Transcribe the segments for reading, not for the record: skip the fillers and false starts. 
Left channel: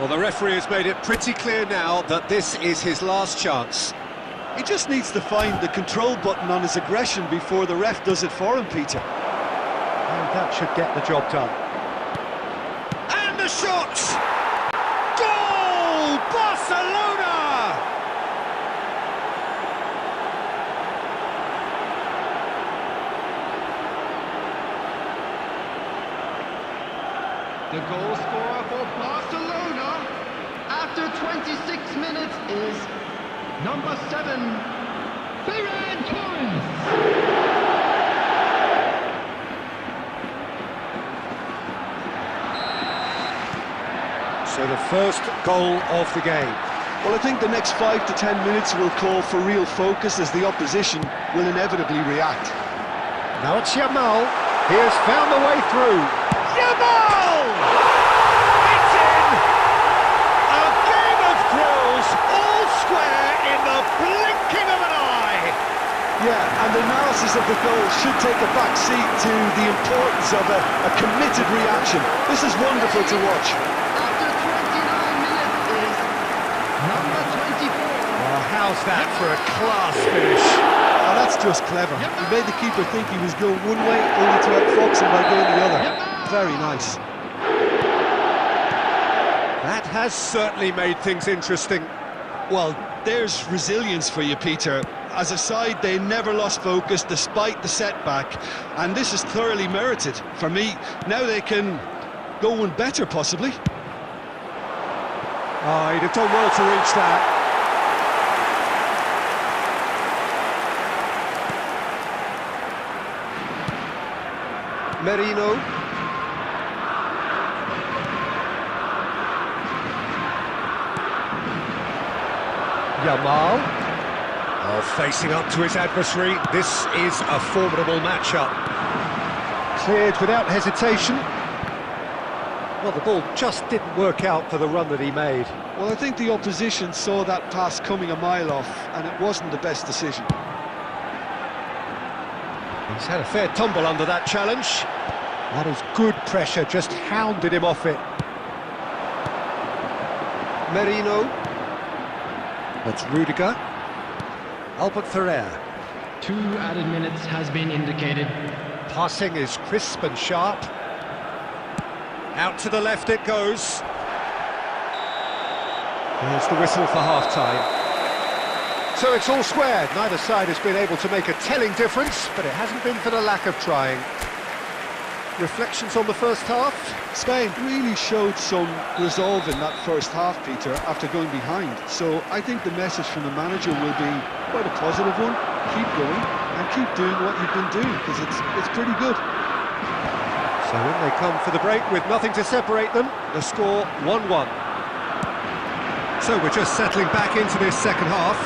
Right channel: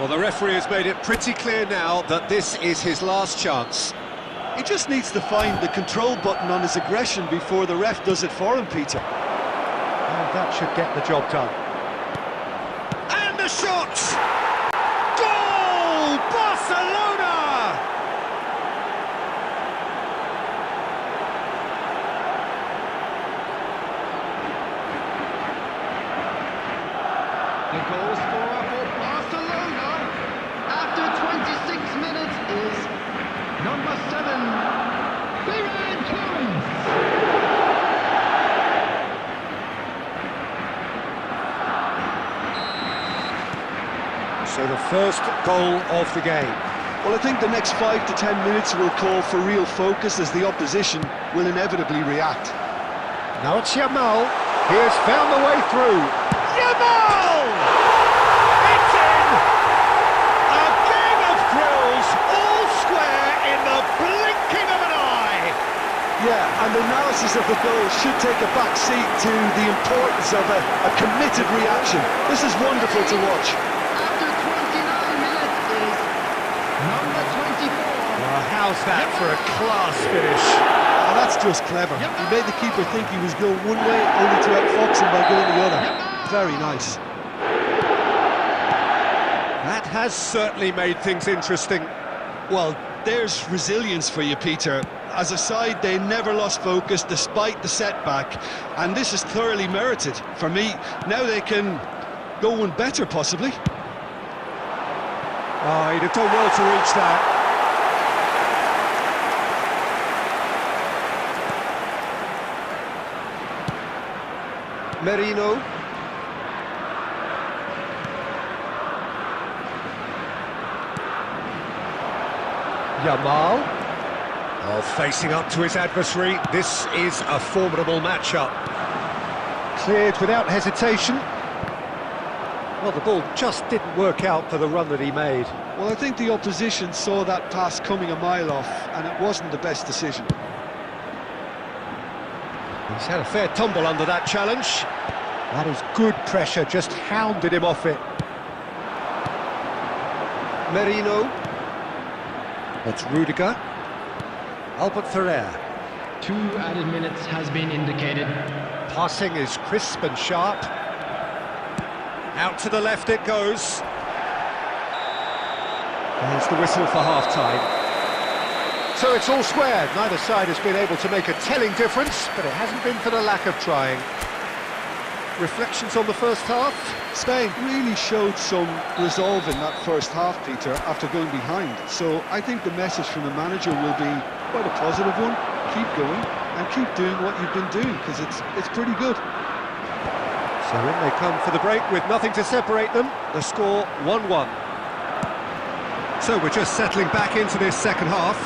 Well, the referee has made it pretty clear now that this is his last chance. He just needs to find the control button on his aggression before the ref does it for him, Peter. And that should get the job done. And the shot! Goal! Barcelona! The goal scorer for Barcelona after 26 minutes is number 7, Ferran Torres. So the first goal of the game. Well, I think the next 5 to 10 minutes will call for real focus as the opposition will inevitably react. Now it's Yamal. He has found the way through. Yamal! It's in! A game of thrills, all square in the blinking of an eye! Yeah, and the analysis of the goal should take a back seat to the importance of a committed reaction. This is wonderful to watch. After 29 minutes is number 24. Well, how's that for a class finish? Oh, that's just clever. He made the keeper think he was going one way, only to outfox him by going the other. Very nice. That has certainly made things interesting. Well, there's resilience for you, Peter. As a side, they never lost focus despite the setback, and this is thoroughly merited. For me, now they can go one better, possibly. Oh, he'd have done well to reach that. Merino. Yamal. Oh, facing up to his adversary, this is a formidable matchup. Cleared without hesitation. Well, the ball just didn't work out for the run that he made. Well, I think the opposition saw that pass coming a mile off, and it wasn't the best decision. He's had a fair tumble under that challenge. That is good pressure, just hounded him off it. Merino. That's Rudiger. Albert Ferrer. 2 added minutes has been indicated. Passing is crisp and sharp. Out to the left it goes. There's the whistle for half-time. So it's all squared. Neither side has been able to make a telling difference, but it hasn't been for the lack of trying. Reflections on the first half? Spain really showed some resolve in that first half, Peter, after going behind. So I think the message from the manager will be quite a positive one. Keep going and keep doing what you've been doing, because it's pretty good. So in they come for the break with nothing to separate them. The score 1-1. So we're just settling back into this second half.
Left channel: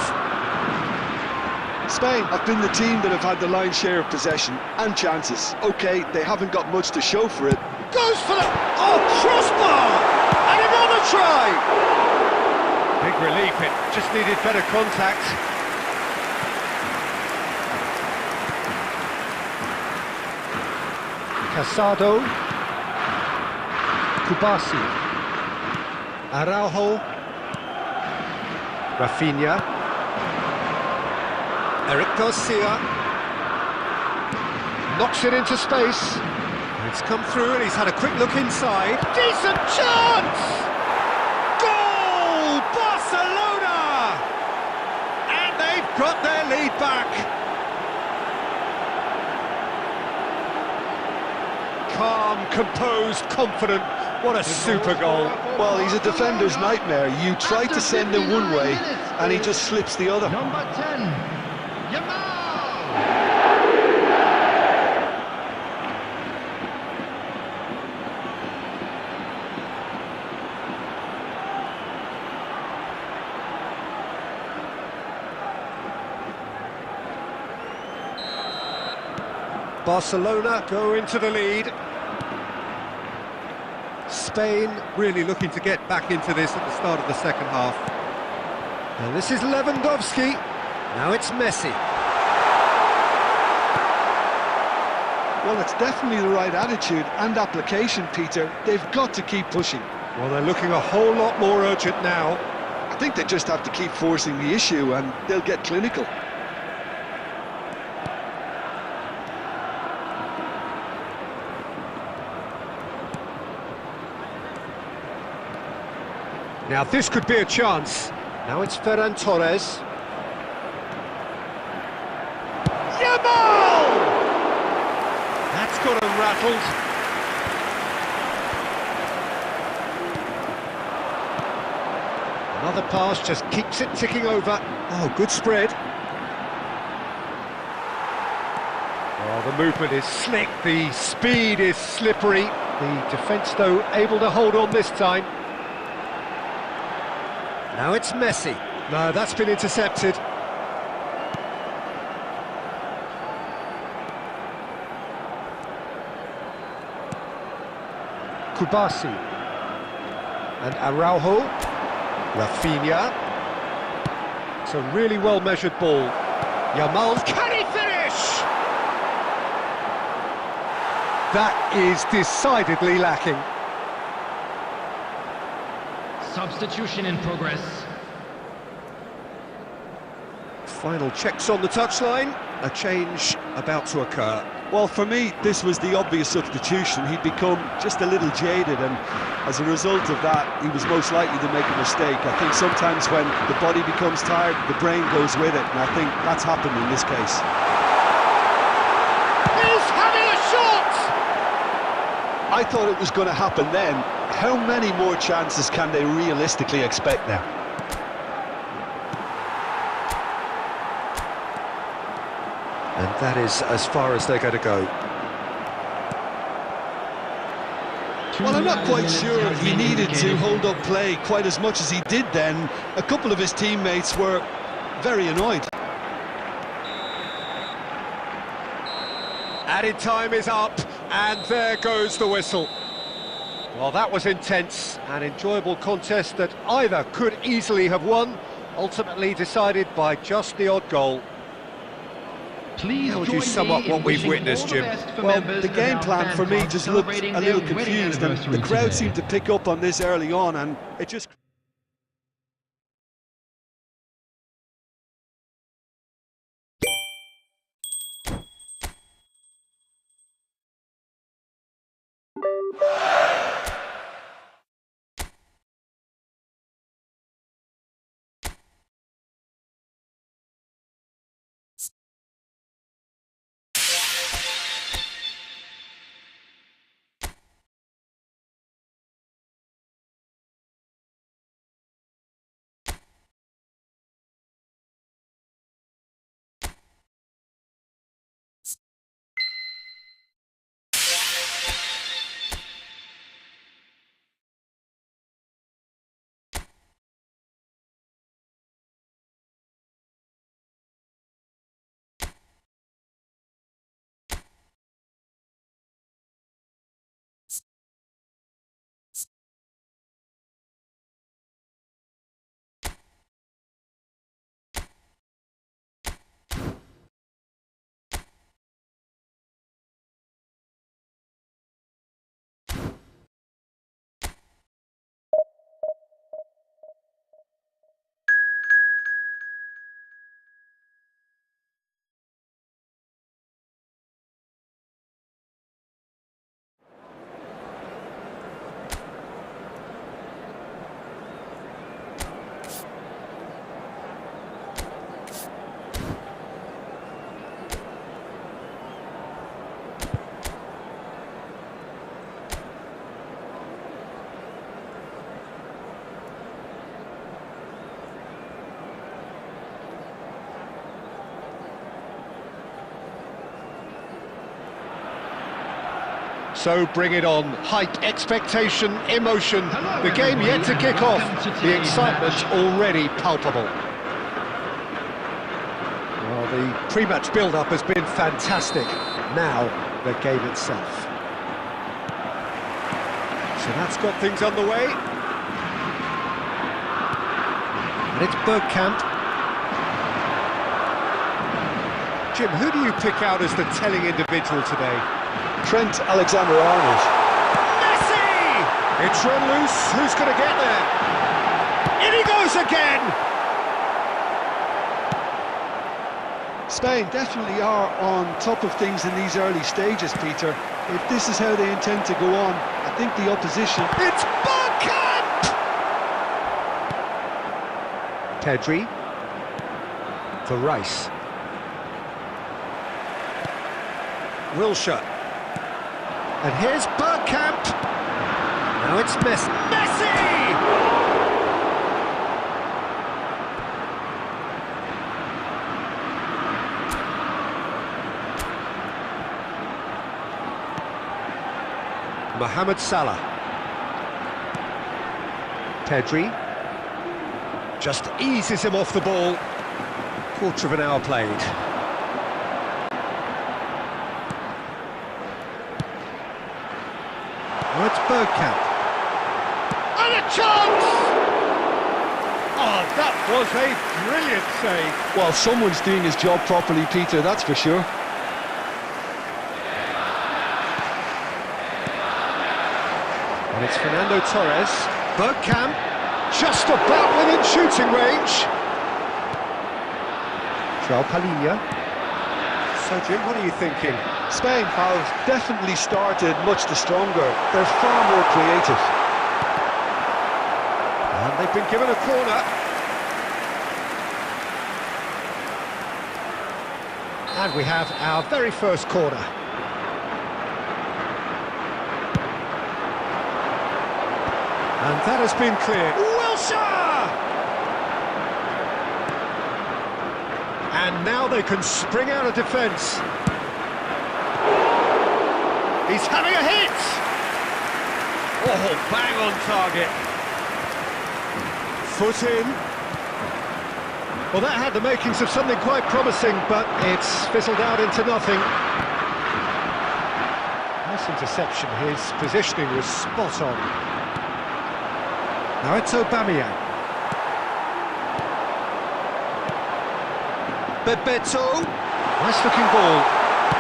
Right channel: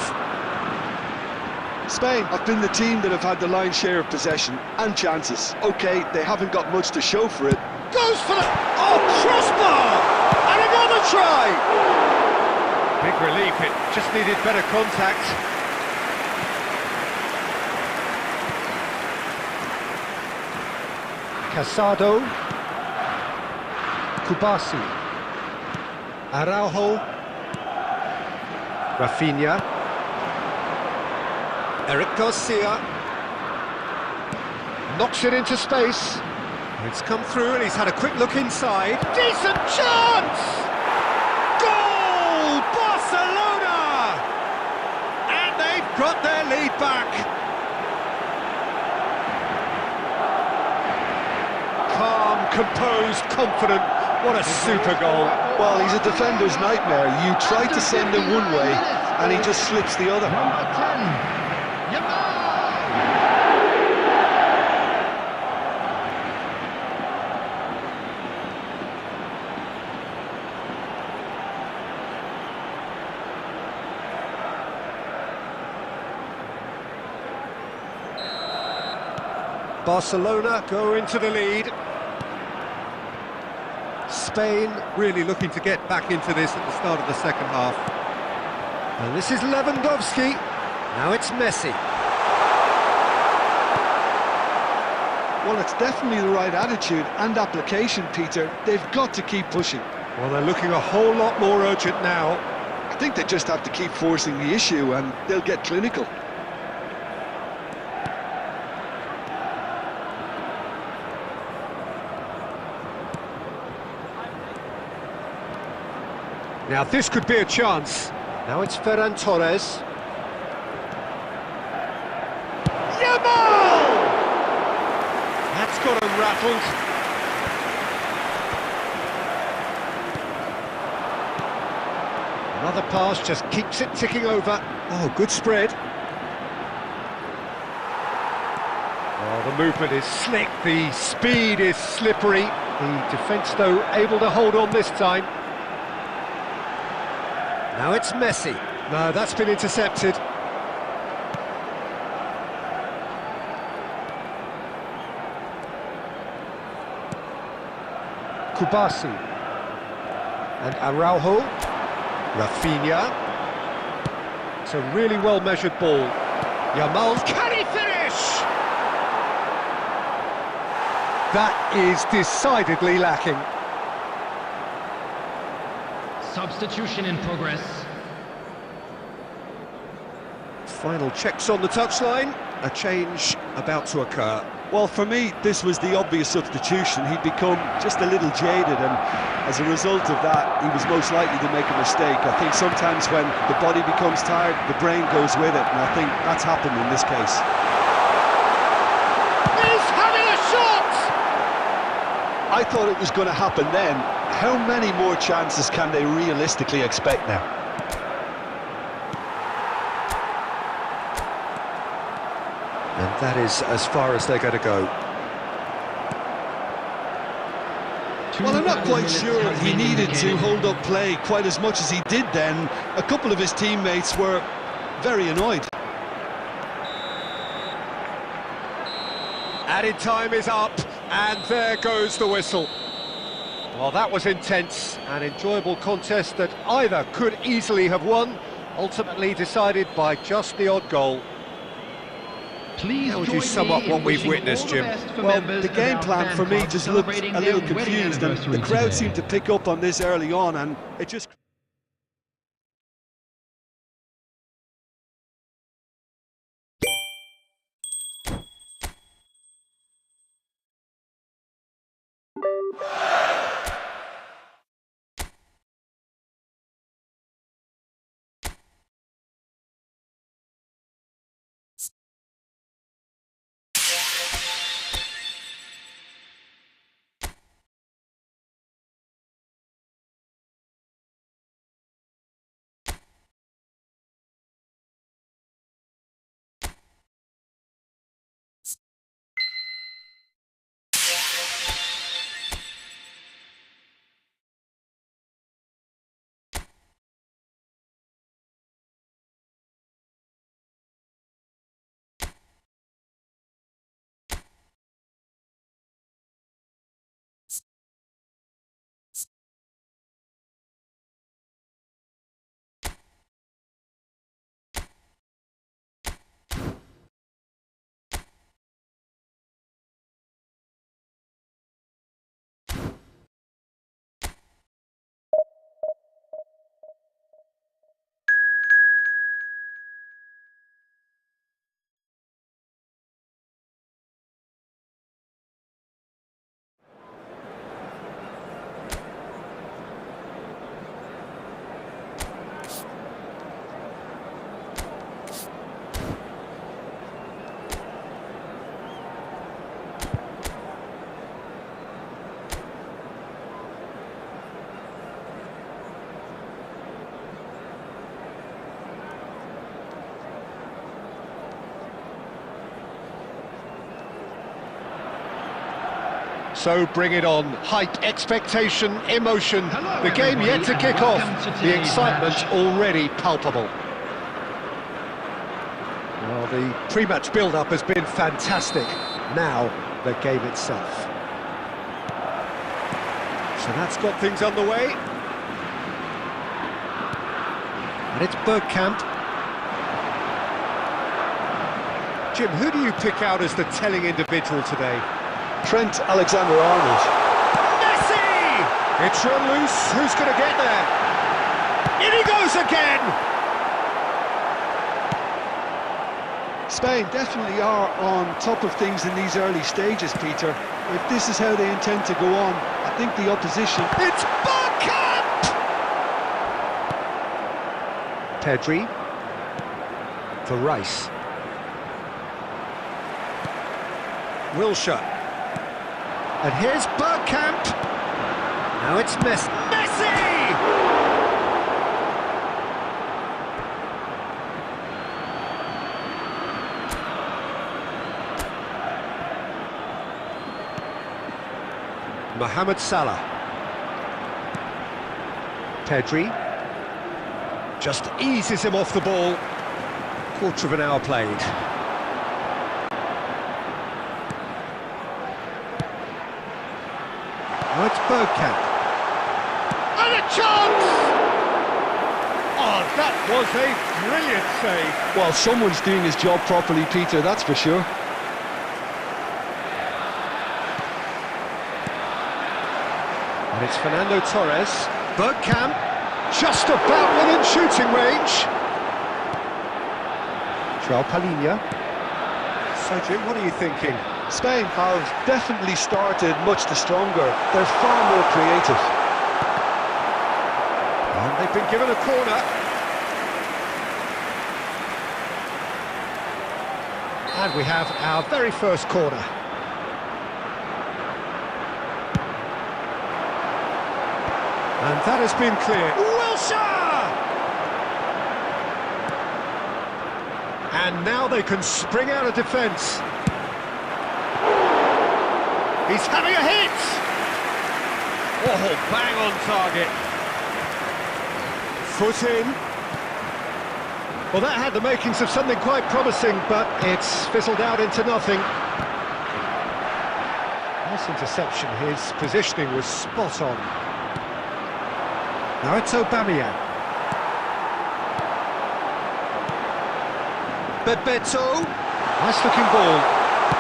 Spain have been the team that have had the lion's share of possession and chances. OK, they haven't got much to show for it. Goes for the... Oh, crossbar! And another try! Big relief, it just needed better contact. Casado. Kubasi. Araujo. Rafinha. Eric Garcia. Knocks it into space. It's come through and he's had a quick look inside. Decent chance! Goal! Barcelona! And they've got their lead back. Calm, composed, confident. What a super goal. Well, he's a defender's nightmare. You try to send him one way and he just slips the other. Number 10, Yamal! Barcelona go into the lead. Spain really looking to get back into this at the start of the second half. And this is Lewandowski. Now it's Messi. Well, it's definitely the right attitude and application, Peter. They've got to keep pushing. Well, they're looking a whole lot more urgent now. I think they just have to keep forcing the issue and they'll get clinical. Now this could be a chance. Now it's Ferran Torres. Yamal! That's got him rattled. Another pass just keeps it ticking over. Oh, good spread. Oh, the movement is slick, the speed is slippery. The defence, though, able to hold on this time. Now it's Messi. No, that's been intercepted. Kubasi. And Araujo. Rafinha. It's a really well-measured ball. Yamal. Can he finish? That is decidedly lacking. Substitution in progress. Final checks on the touchline. A change about to occur. Well, for me, this was the obvious substitution. He'd become just a little jaded, and as a result of that, he was most likely to make a mistake. I think sometimes when the body becomes tired, the brain goes with it, and I think that's happened in this case. He's having a shot! I thought it was going to happen then. How many more chances can they realistically expect now? And that is as far as they're going to go. Well, I'm not quite minutes sure has he been needed to indicated. hold up play quite as much as he did then. A couple of his teammates were very annoyed. Added time is up, and there goes the whistle. Well, that was intense, an enjoyable contest that either could easily have won, ultimately decided by just the odd goal. Please How would join you sum me up in what we've wishing witnessed, all the Jim? best for Well, members the of game our plan fan for me club just looked a celebrating little their wedding confused, and anniversary the crowd today. seemed to pick up on this early on, and it just... So bring it on. Hype, expectation, emotion. Hello, The game everybody, yet to and kick welcome off. to The today's excitement match. already palpable. Well, the pre-match build-up has been fantastic. Now, the game itself. So that's got things underway. And it's Bergkamp. Jim, who do you pick out as the telling individual today? Trent Alexander-Arnold. Messi! It's run loose, who's going to get there? In he goes again! Spain definitely are on top of things in these early stages, Peter. If this is how they intend to go on, I think the opposition... It's Bergkamp! Pedri for Rice. Wilshere. And here's Bergkamp. Now it's Messi. Mohamed Salah. Pedri just eases him off the ball. Quarter of an hour played. Oh, it's Bergkamp. And a chance! Oh, that was a brilliant save. Well, someone's doing his job properly, Peter, that's for sure. And it's Fernando Torres. Bergkamp, just about within shooting range. João Palhinha. So, Jim, what are you thinking? Spain have definitely started much the stronger. They're far more creative. And they've been given a corner. And we have our very first corner. And that has been clear. Wilshere! And now they can spring out of defence. He's having a hit! Oh, bang on target. Foot in. Well, that had the makings of something quite promising, but it's fizzled out into nothing. Nice interception. His positioning was spot on. Now it's Aubameyang. Bebeto. Nice looking ball.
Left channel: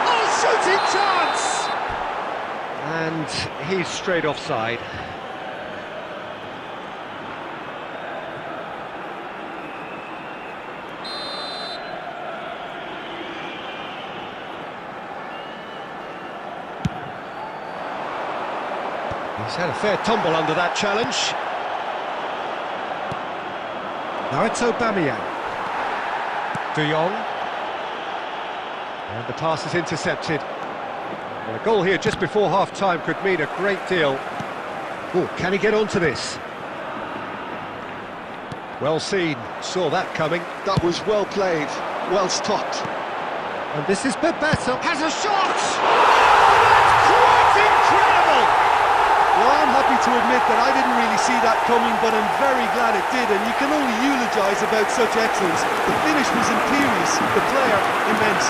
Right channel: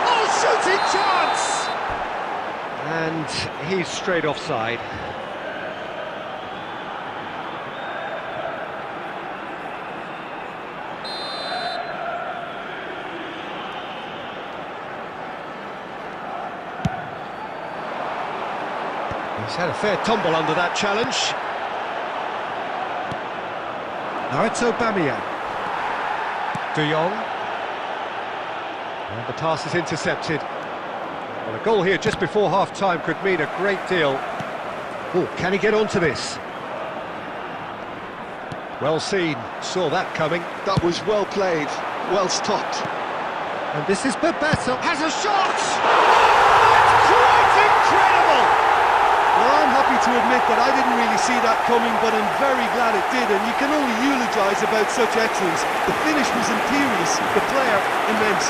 Oh, shooting chance! And he's straight offside. He's had a fair tumble under that challenge. Now it's Aubameyang. De Jong. And the pass is intercepted. Well, a goal here just before half-time could mean a great deal. Oh, can he get onto this? Well seen, saw that coming. That was well played, well stopped. And this is Bebeto, has a shot! Oh, that's quite incredible! Well, I'm happy to admit that I didn't really see that coming, but I'm very glad it did, and you can only eulogise about such excellence. The finish was imperious, the player immense.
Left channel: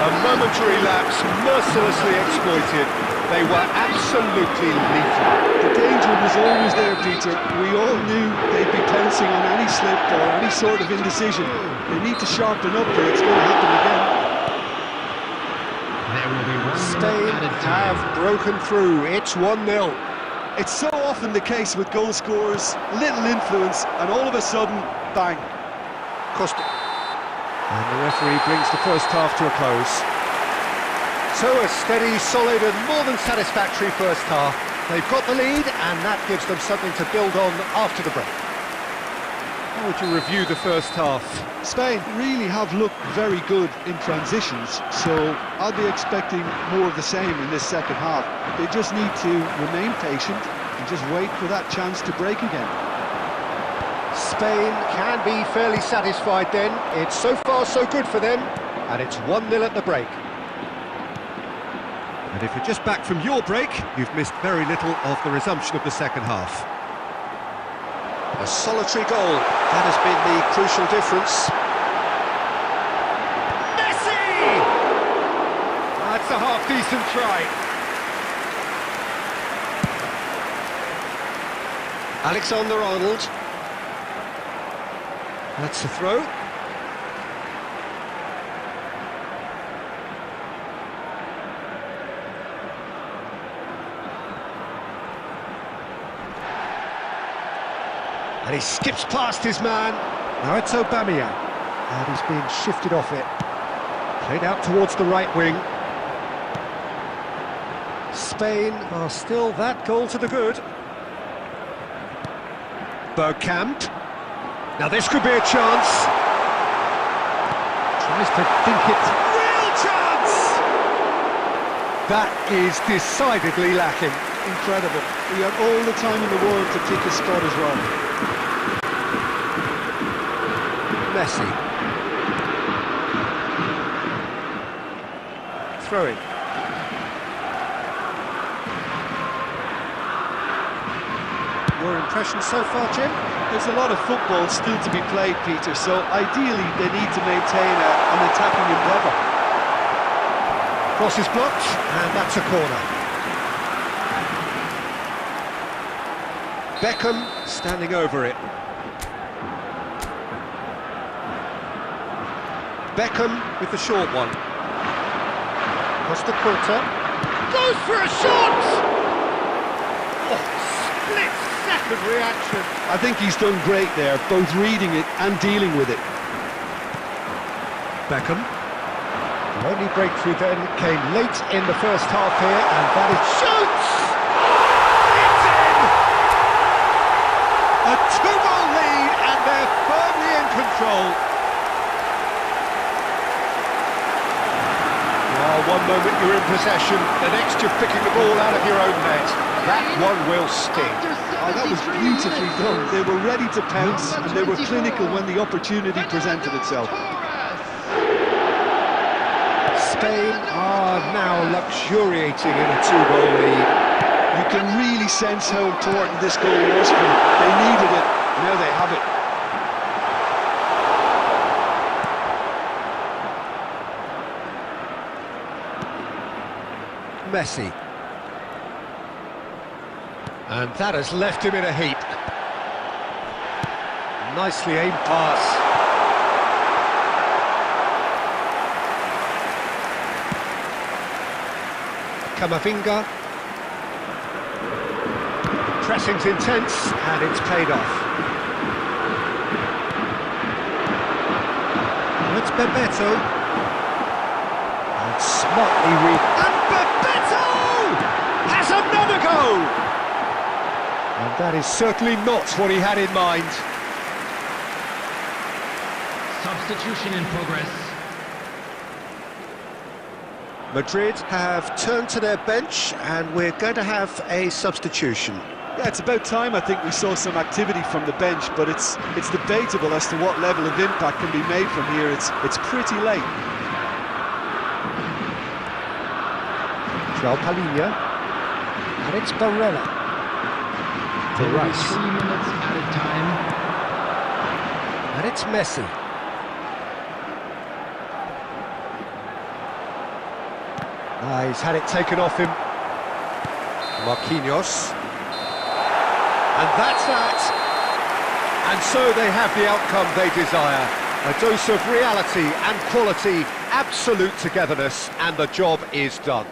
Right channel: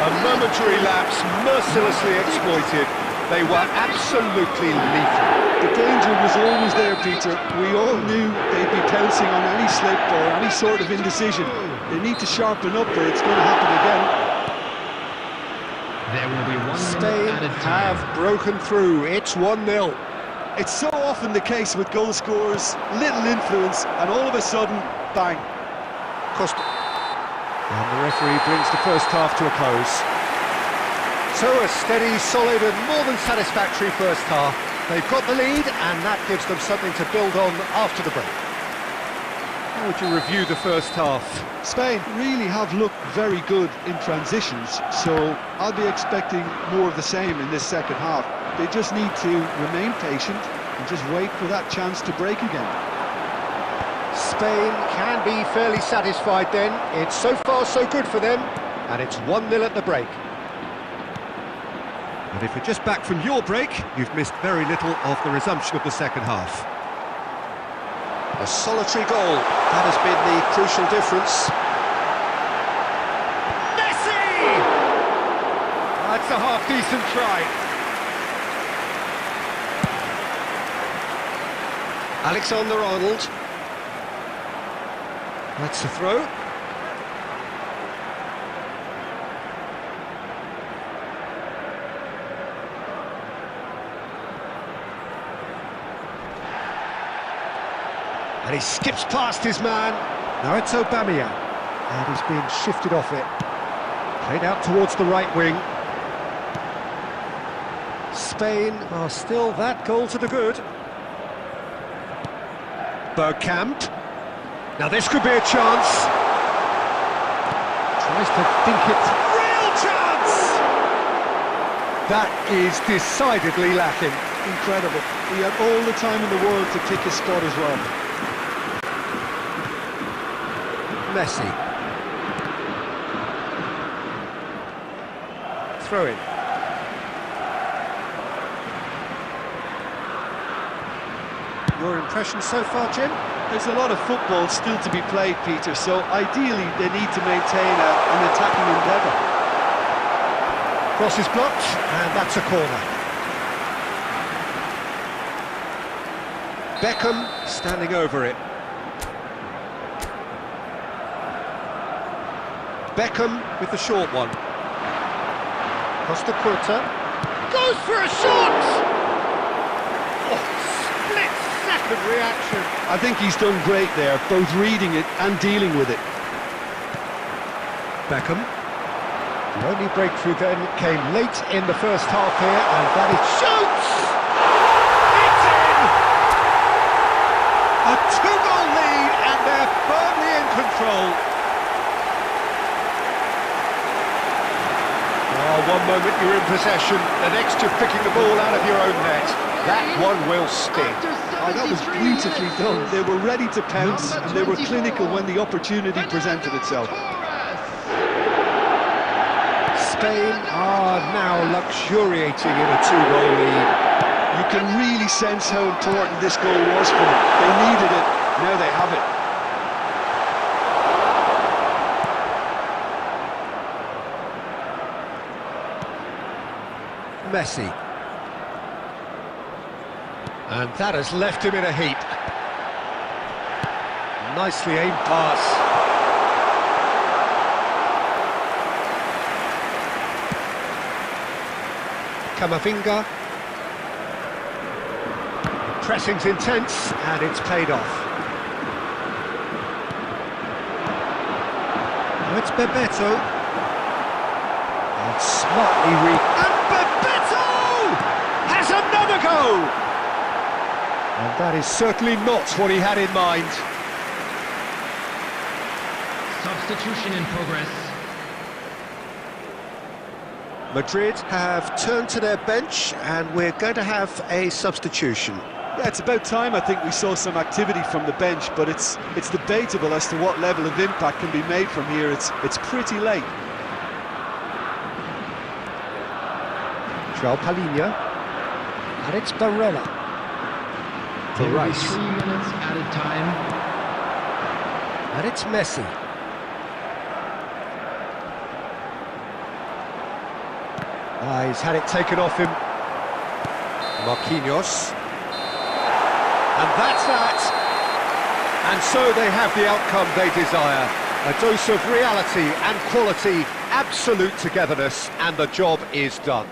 A momentary lapse, mercilessly exploited. They were absolutely lethal. The danger was always there, Peter. We all knew they'd be pouncing on any slip or any sort of indecision. They need to sharpen up or it's going to happen again. There will be 1 Spain minute added time. have broken through. It's 1-0. It's so often the case with goal scorers, little influence, and all of a sudden, bang. Costa. And the referee brings the first half to a close. So a steady, solid and more than satisfactory first half. They've got the lead and that gives them something to build on after the break. How would you review the first half? Spain really have looked very good in transitions, so I'll be expecting more of the same in this second half. They just need to remain patient and just wait for that chance to break again. Spain can be fairly satisfied then. It's so far so good for them, and it's 1-0 at the break. And if you're just back from your break, you've missed very little of the resumption of the second half. A solitary goal, that has been the crucial difference. That's a half-decent try. Alexander-Arnold. That's the throw. And he skips past his man. Now it's Aubameyang. And he's being shifted off it. Played out towards the right wing. Spain are still that goal to the good. Bergkamp. Now this could be a chance. Tries to think it. Real chance! That is decidedly lacking. Incredible. He had all the time in the world to pick his spot as well. Messi. Throw in. Your impression so far, Jim? There's a lot of football still to be played, Peter, so ideally they need to maintain an attacking endeavour. Cross is blocked, and that's a corner. Beckham standing over it. Beckham with the short one. Costa Curta goes for a shot! Oh, split-second reaction. I think he's done great there, both reading it and dealing with it. Beckham. The only breakthrough then came late in the first half here, and that is shoots! It's in! A two-goal lead, and they're firmly in control. Oh, one moment you're in possession, the next you're picking the ball out of your own net. That one will sting. Oh, that was beautifully done. They were ready to pounce, and they were clinical when the opportunity presented itself. Spain are now luxuriating in a two-goal lead. You can really sense how important this goal was for them. They needed it, now they have it. Messi. And that has left him in a heap. Nicely aimed pass. Camavinga. The pressing's intense, and it's paid off. Now it's Bebeto. And smartly and Bebeto has another go! And that is certainly not what he had in mind. Substitution in progress. Madrid have turned to their bench, and we're going to have a substitution. Yeah, it's about time I think we saw some activity from the bench, but it's debatable as to what level of impact can be made from here. It's pretty late. João Palhinha, and it's Barella. There will be 3 minutes added time. And it's Messi. He's had it taken off him. Marquinhos. And that's that. And so they have the outcome they desire. A dose of reality and quality, absolute togetherness, and the job is done.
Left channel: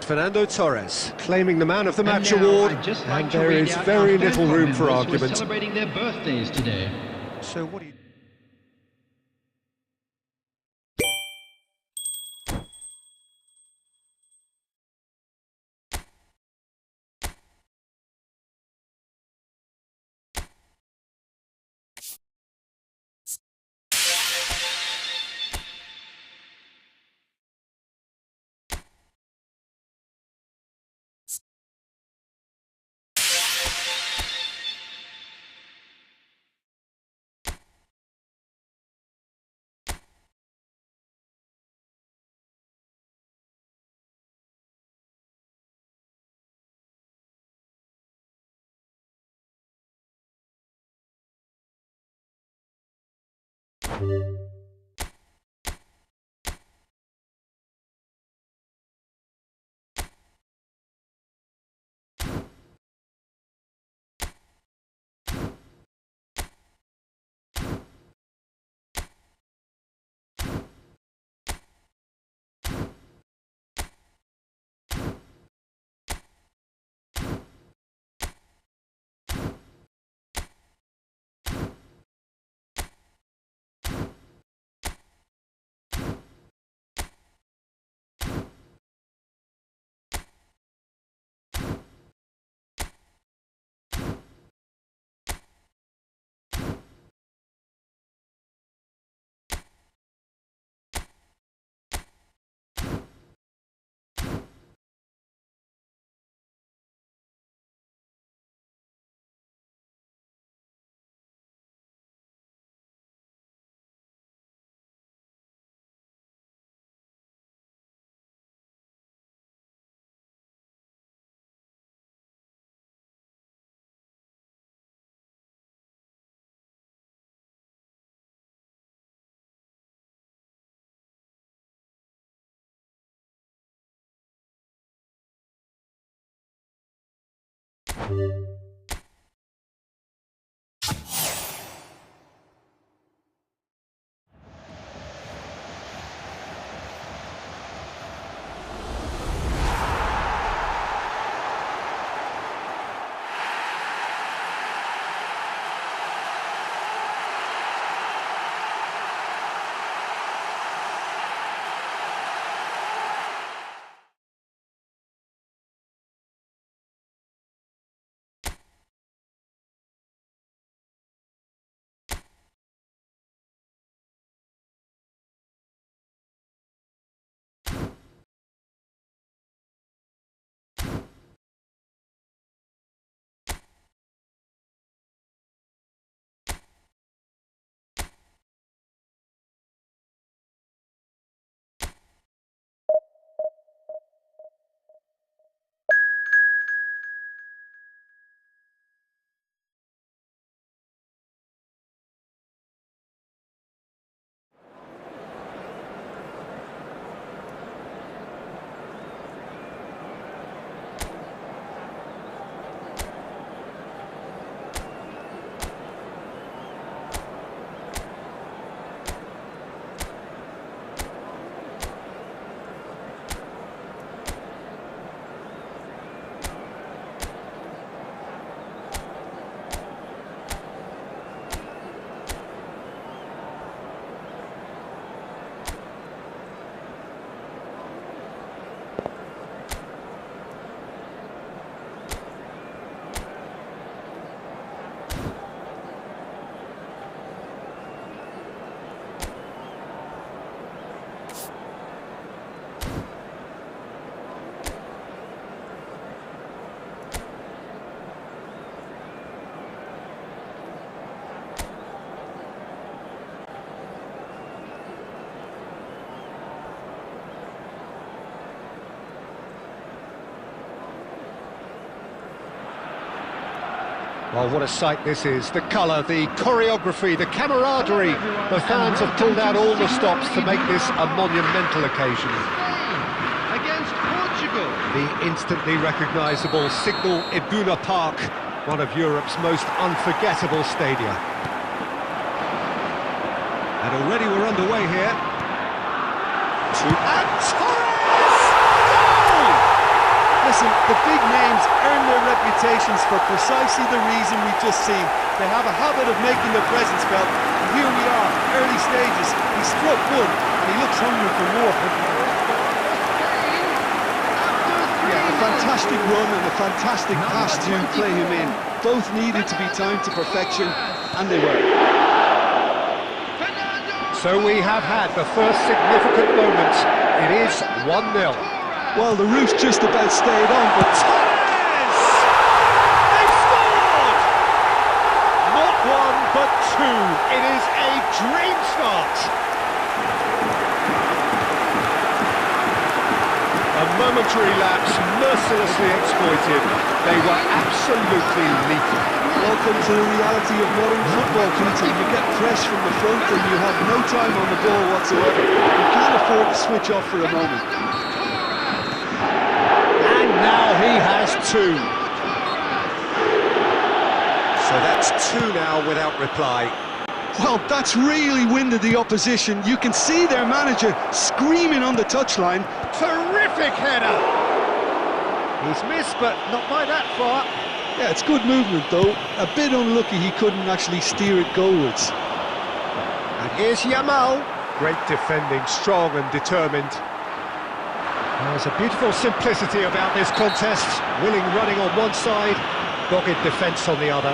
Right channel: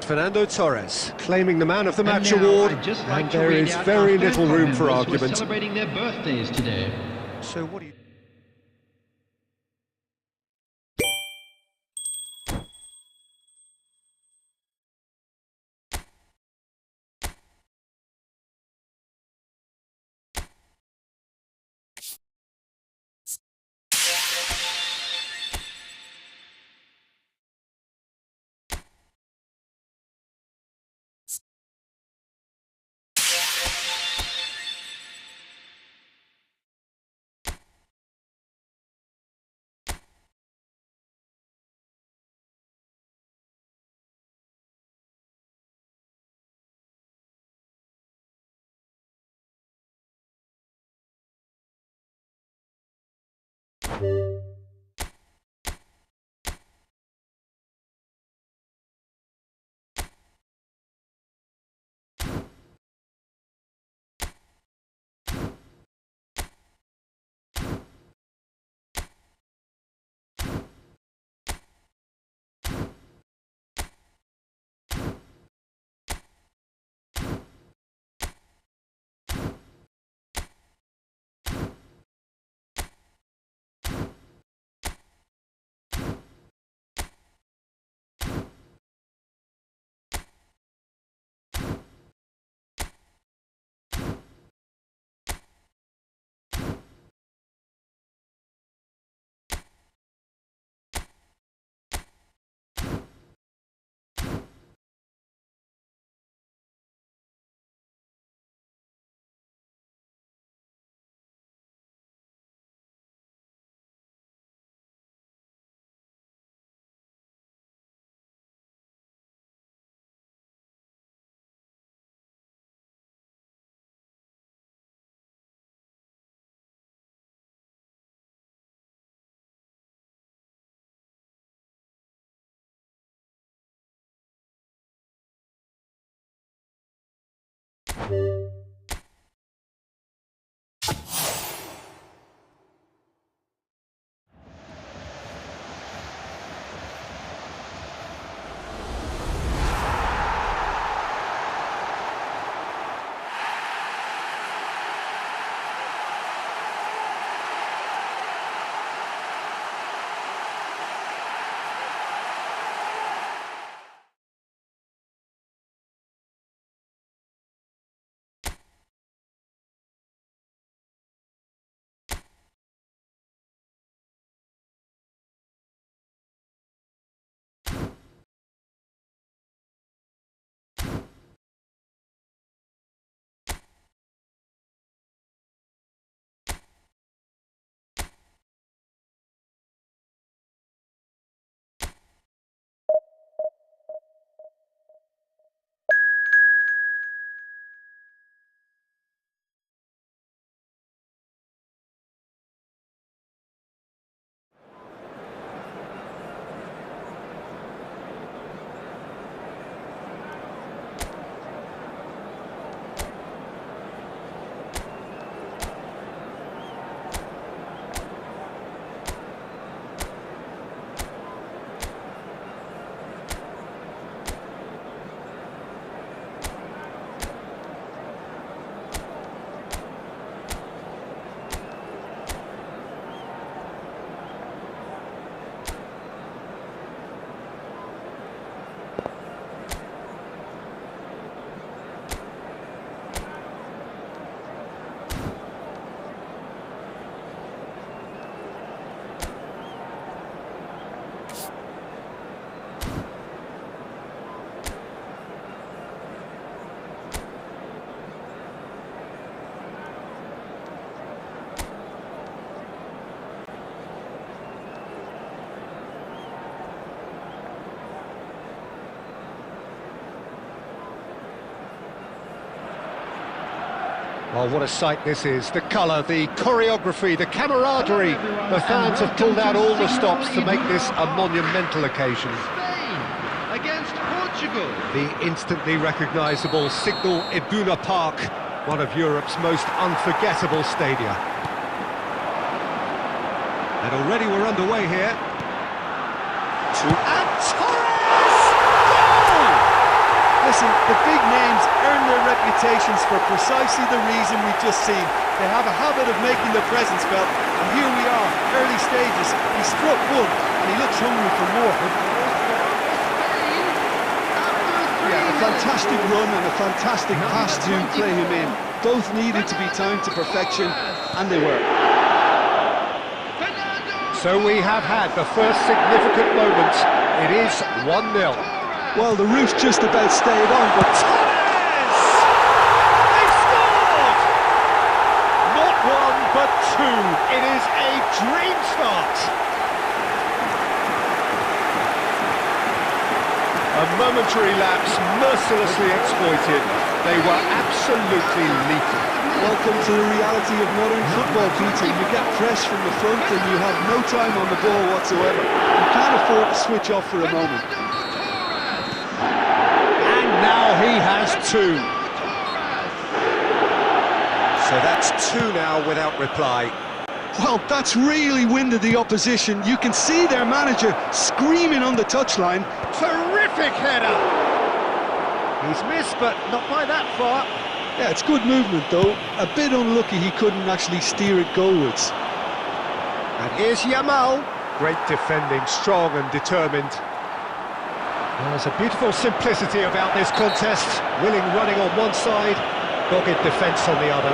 Fernando Torres claiming the Man of the Match award, and there is very little room for argument. Celebrating their birthdays today. So what do you... Well, what a sight this is. The colour, the choreography, the camaraderie. The fans have pulled out all the stops to make this a monumental occasion. Spain against Portugal. The instantly recognisable Signal Iduna Park, one of Europe's most unforgettable stadia. And already we're underway here. And Torres! Goal! Listen, the big names earn their reputations for precisely the reason we've just seen. They have a habit of making their presence felt, and here we are, early stages. He struck one, and he looks hungry for more. Yeah, a fantastic run and a fantastic pass to play him in. Both needed to be timed to perfection, and they were. So we have had the first significant moment. It is 1-0. Well, the roof's just about stayed on, but Torres! They've scored! Not one, but two. It is a dream start. A momentary lapse, mercilessly exploited. They were absolutely lethal. welcome to the reality of modern football, Peter. You get pressed from the front and you have no time on the ball whatsoever. You can't afford to switch off for a moment. And now he has two. So that's two now without reply. Well, that's really winded the opposition. You can see their manager screaming on the touchline. Terrific header! He's missed, but not by that far. Yeah, it's good movement, though. A bit unlucky he couldn't actually steer it goalwards. And here's Yamal. Great defending, strong and determined. There's a beautiful simplicity about this contest. Willing running on one side, dogged defence on the other.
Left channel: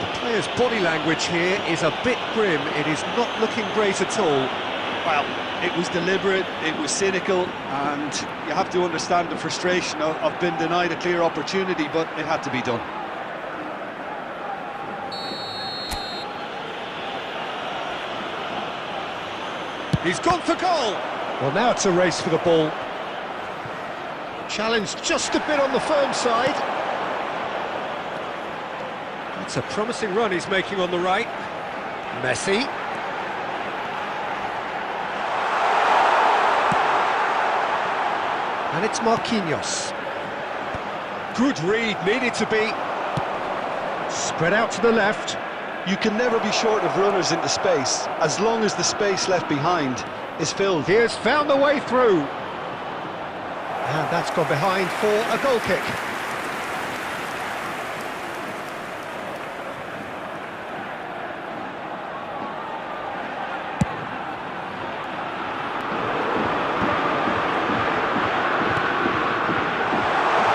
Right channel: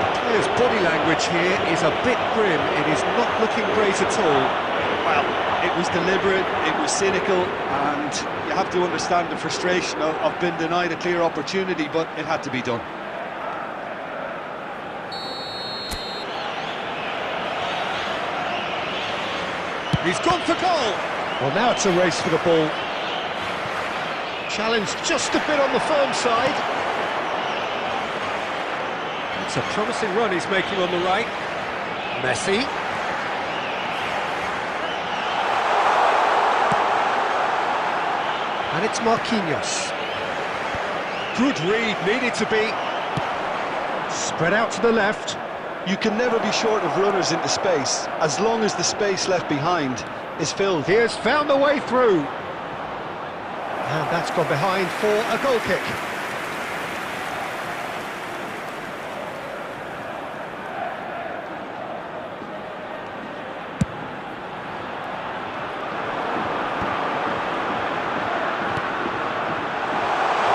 The player's body language here is a bit grim. It is not looking great at all. Well, it was deliberate, it was cynical, and you have to understand the frustration of being denied a clear opportunity, but it had to be done. He's gone for goal! Well, now it's a race for the ball. Challenged just a bit on the firm side. That's a promising run he's making on the right. Messi. And it's Marquinhos. Good read, needed to be. Spread out to the left. You can never be short of runners into space, as long as the space left behind is filled. He has found the way through. And that's gone behind for a goal kick.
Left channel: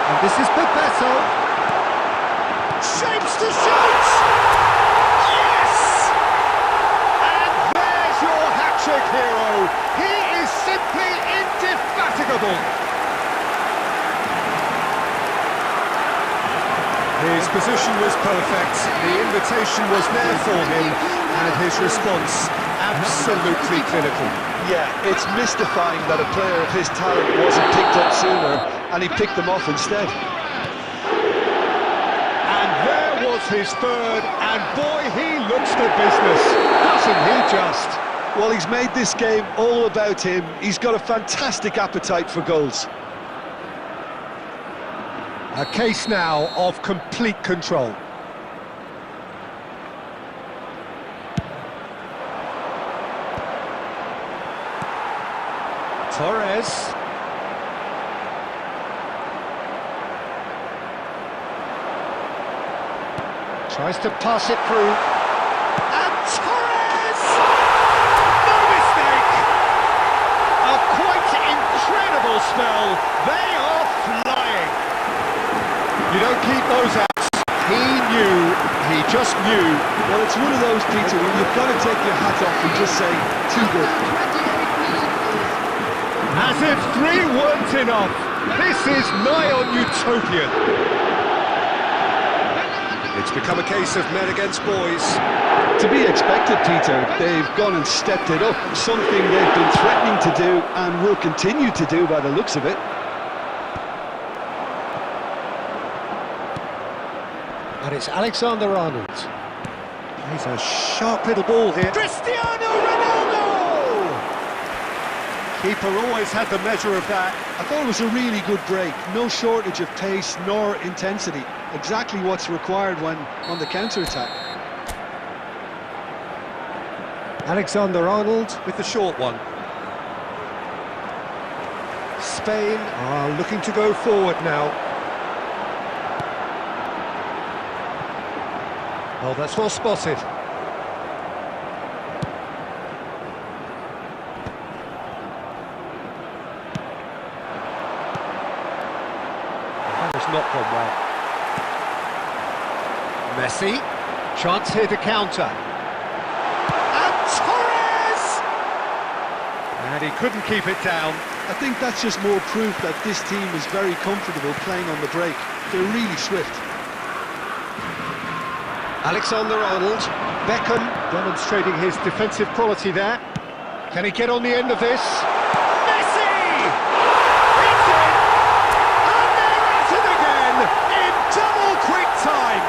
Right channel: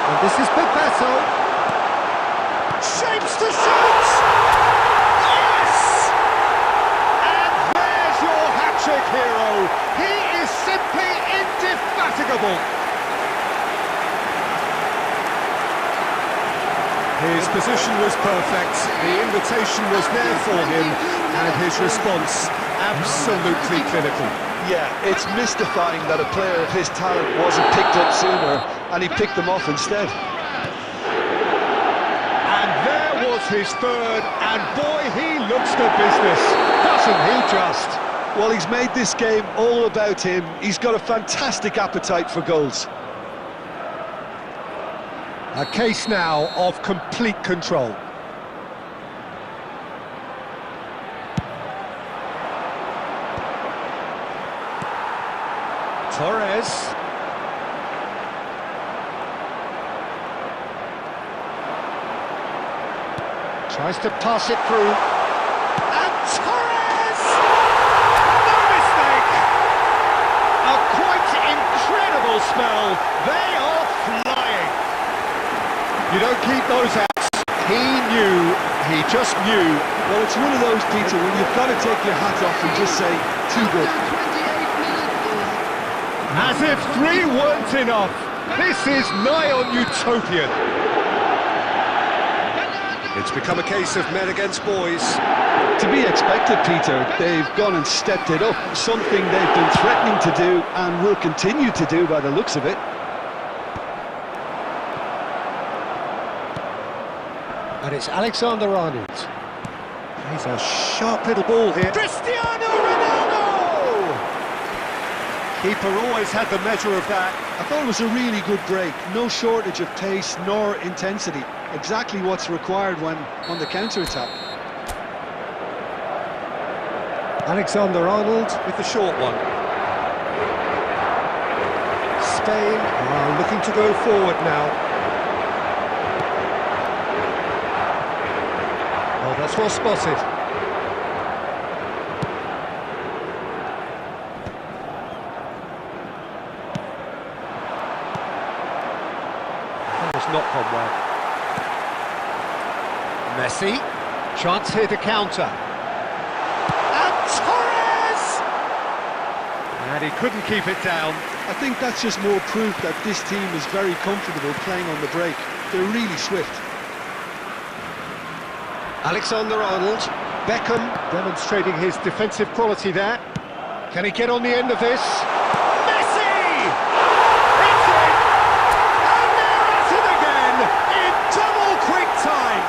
And this is Bebeto. Shapes to shoot! Yes! And there's your hat-trick hero. He is simply indefatigable. His position was perfect, the invitation was there for him, and his response absolutely clinical. Yeah, it's mystifying that a player of his talent wasn't picked up sooner, and he picked them off instead. And there was his third, and boy, he looks the business, doesn't he just? Well, he's made this game all about him. He's got a fantastic appetite for goals. A case now of complete control. Torres. Tries to pass it through. And Torres! No mistake! A quite incredible spell. They are flying. You don't keep those out. He just knew. Well, it's one of those, Peter, when you've got to take your hat off and just say, too good. As if 3 weren't enough. This is nigh on utopian. It's become a case of men against boys. To be expected, Peter. They've gone and stepped it up, something they've been threatening to do and will continue to do by the looks of it. And it's Alexander-Arnold. He's a sharp little ball here. Cristiano Ronaldo! Keeper always had the measure of that. I thought it was a really good break. No shortage of pace nor intensity. Exactly what's required when on the counter-attack. Alexander-Arnold with the short one. Spain are looking to go forward now. Oh, that's well spotted. That has not gone well. Messi, chance here to counter. And Torres! And he couldn't keep it down. I think that's just more proof that this team is very comfortable playing on the break. They're really swift. Alexander-Arnold, Beckham demonstrating his defensive quality there. Can he get on the end of this? Messi! It's in! And they're at it again in double quick time.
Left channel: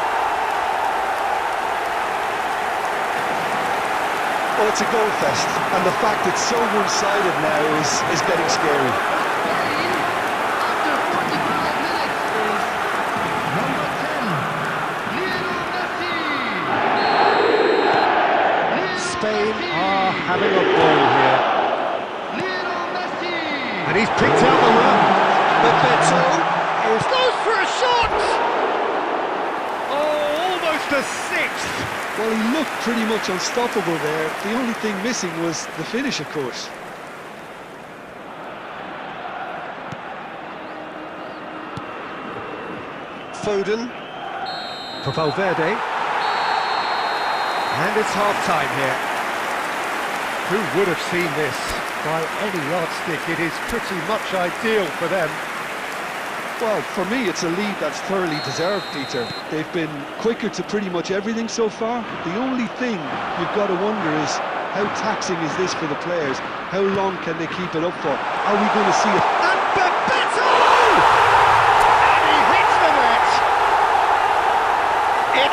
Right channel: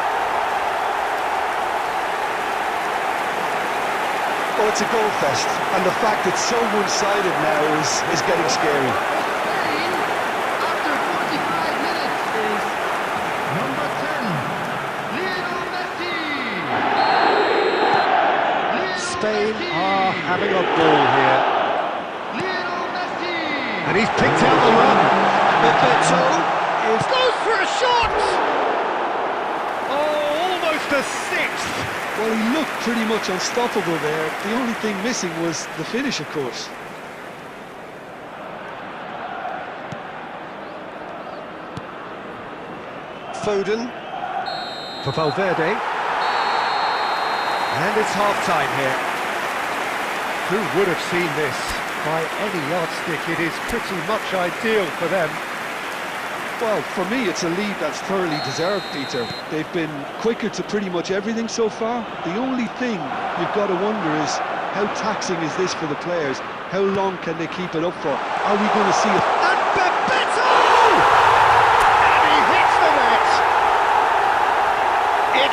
Well, it's a goal fest, and the fact it's so one-sided now is getting scary. Spain, after 45 minutes, is number 10, Lionel Messi. Spain are having a ball here. Lionel Messi. And he's picked out the run. Bebeto goes for a shot! Oh, almost a sixth. Well, he looked pretty much unstoppable there. The only thing missing was the finish, of course. Foden for Valverde. And it's half-time here. Who would have seen this? By any yardstick, it is pretty much ideal for them. Well, for me, it's a lead that's thoroughly deserved, Peter. They've been quicker to pretty much everything so far. The only thing you've got to wonder is, how taxing is this for the players? How long can they keep it up for? Are we going to see it? And Bebeto! And he hits the net! It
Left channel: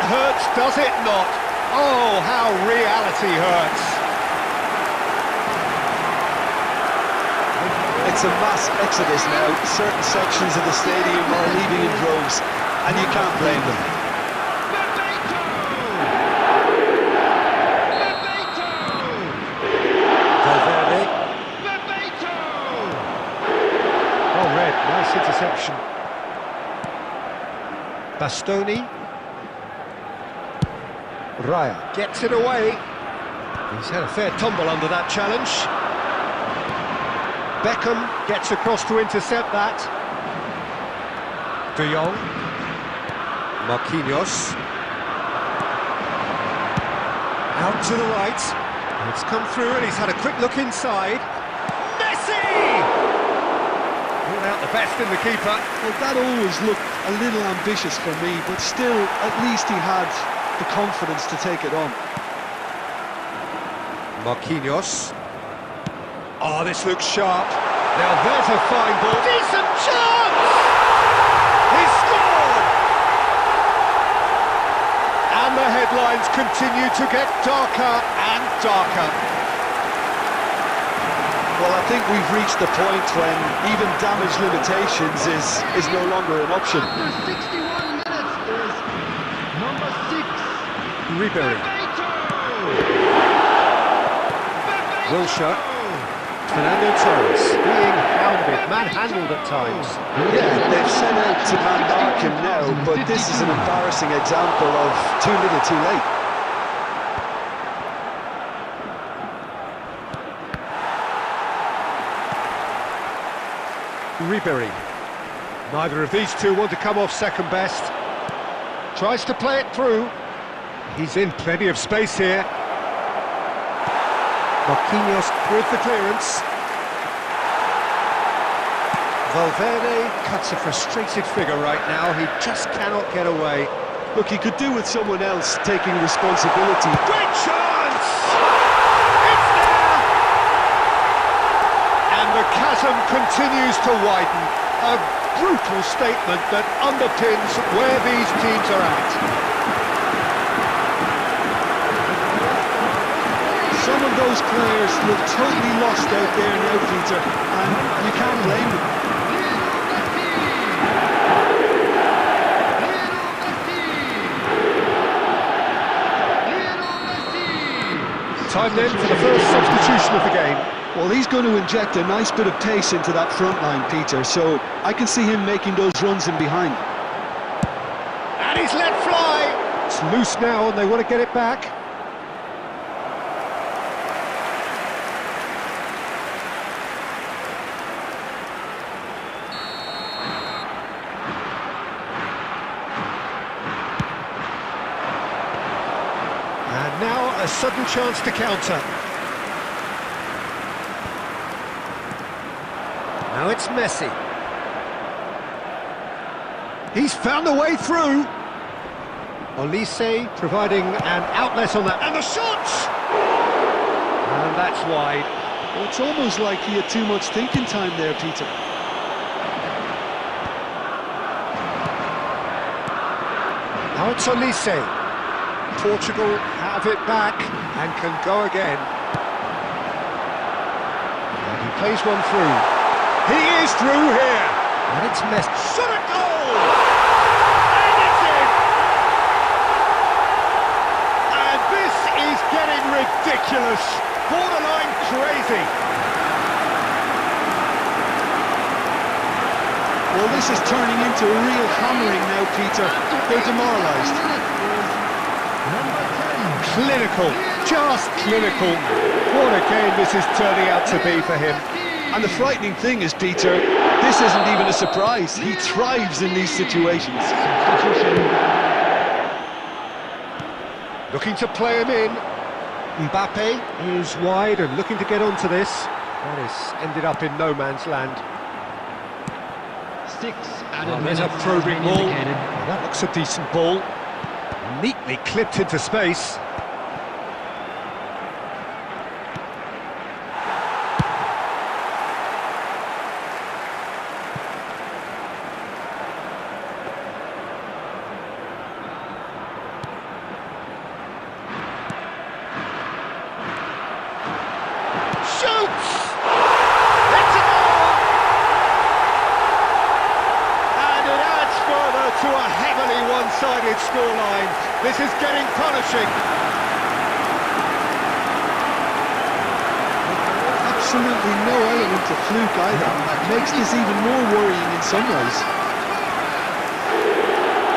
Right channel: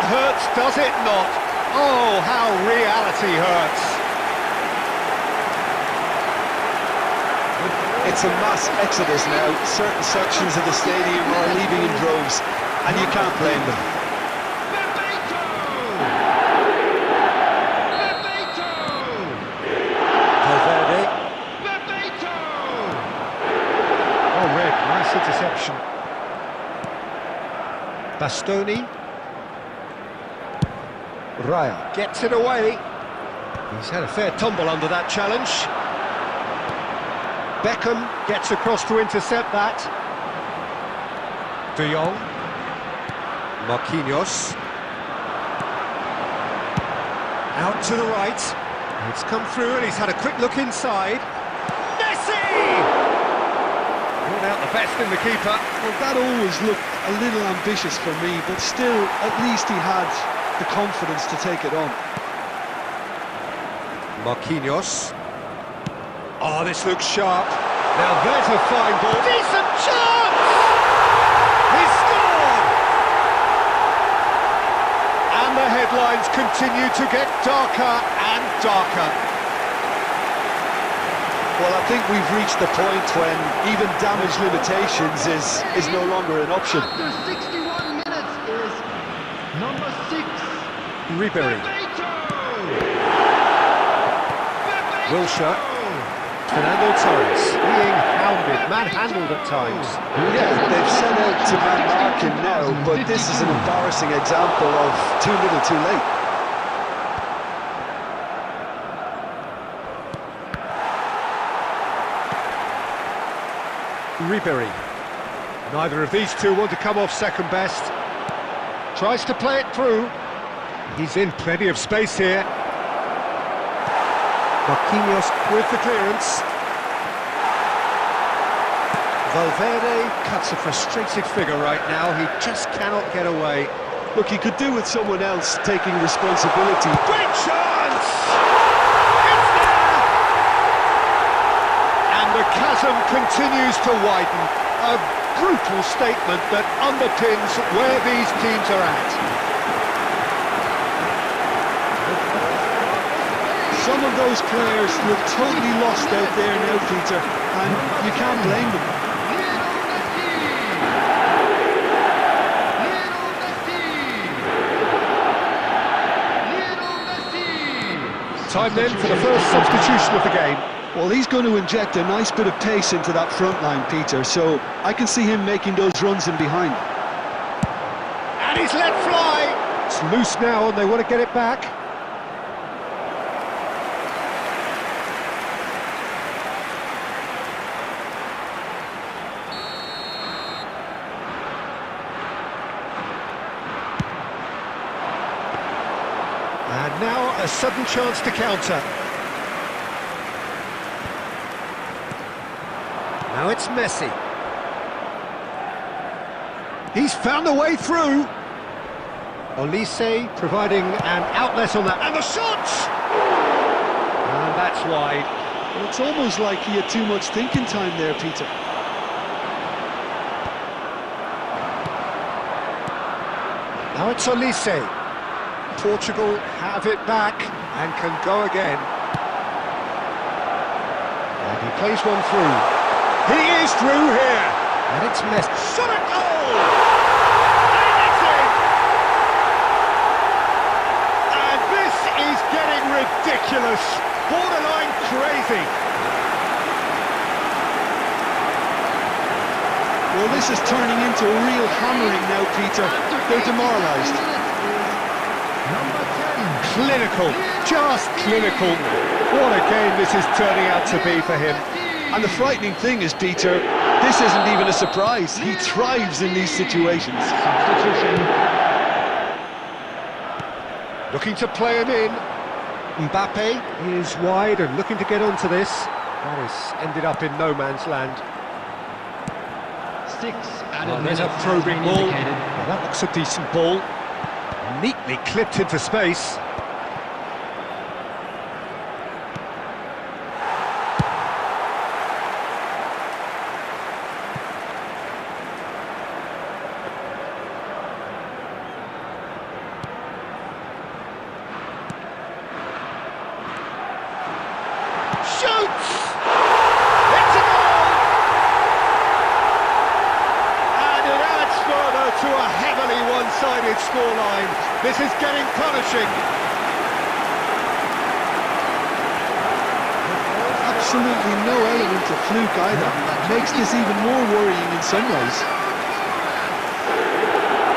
hurts, does it not? Oh, how reality hurts. It's a mass exodus now. Certain sections of the stadium are leaving in droves, and you can't blame them. Valverde. Oh, red, nice interception. Bastoni. Raya gets it away. He's had a fair tumble under that challenge. Beckham gets across to intercept that. De Jong. Marquinhos. Out to the right. It's come through and he's had a quick look inside. Messi! Brought out the best in the keeper. Well, that always looked a little ambitious for me, but still, at least he had the confidence to take it on. Marquinhos. Oh, this looks sharp. Now there's a fine ball. Decent chance! He's scored! And the headlines continue to get darker and darker. Well, I think we've reached the point when even damage limitations is no longer an option. After 61 minutes is number 6. Ribery. Wilshere. Fernando Torres being hounded, manhandled at times. Yeah, they've set out to man-mark him now, but this is an embarrassing example of too little too late. Ribery. Neither of these two want to come off second best. Tries to play it through. He's in plenty of space here. Marquinhos with the clearance. Valverde cuts a frustrated figure right now. He just cannot get away. Look, he could do with someone else taking responsibility. Great chance! It's there! And the chasm continues to widen. A brutal statement that underpins where these teams are at. Some of those players look totally lost out there now, Peter, and you can't blame them. Time then for the first substitution of the game. Well, he's going to inject a nice bit of pace into that front line, Peter, so I can see him making those runs in behind. And he's let fly! It's loose now and they want to get it back. And now a sudden chance to counter. Now it's Messi. He's found a way through. Olise providing an outlet on that. And the shot! And that's wide. Well, it's almost like he had too much thinking time there, Peter. Now it's Olise. Portugal have it back and can go again. And he plays one through. He is through here. And it's Messi. Shot a goal! And it's in! And this is getting ridiculous. Borderline crazy. Well, this is turning into a real hammering now, Peter. They're demoralised. Number 10. Clinical, just clinical. What a game this is turning out to be for him. And the frightening thing is, Peter, this isn't even a surprise. He thrives in these situations. Substitution. Looking to play him in. Mbappe is wide and looking to get onto this. That has ended up in no man's land. 6 added There's a minutes probing has been ball. indicated. Well, that looks a decent ball. Neatly clipped into space. Shoots! It's a goal! to a heavily one-sided scoreline. This is getting punishing. Absolutely no element of fluke either. Makes this even more worrying in some ways.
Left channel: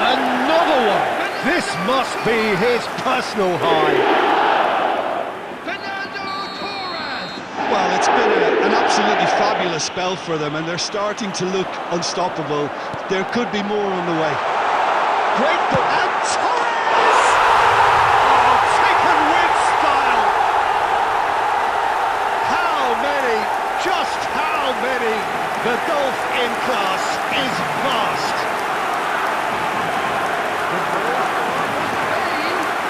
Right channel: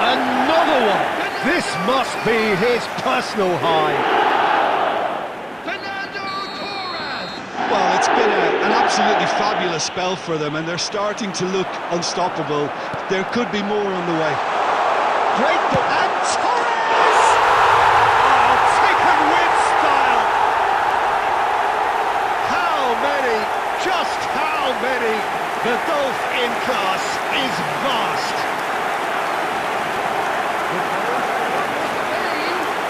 Another one! This must be his personal high. Well, it's been an absolutely fabulous spell for them, and they're starting to look unstoppable. There could be more on the way. Great ball, and Torres! Oh, taken with style! How many, just how many? The gulf in class is vast.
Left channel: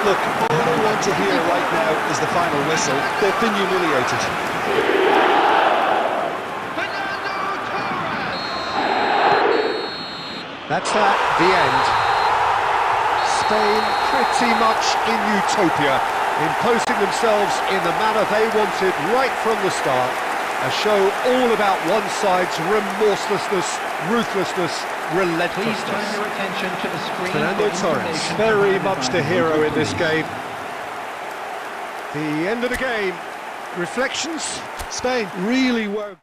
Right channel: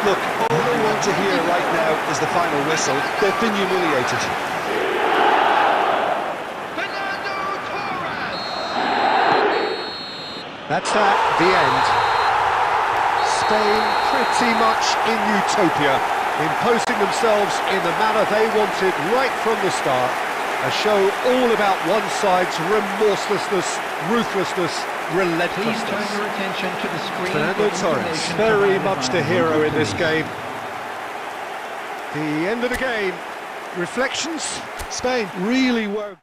Look, all they want to hear right now is the final whistle. They've been humiliated. That's that, the end. Spain pretty much in utopia, imposing themselves in the manner they wanted right from the start. A show all about one side's remorselessness, ruthlessness, relentlessness. Please turn your attention to the screen. Fernando Torres, very much the hero in this game. The end of the game. Reflections? Spain really were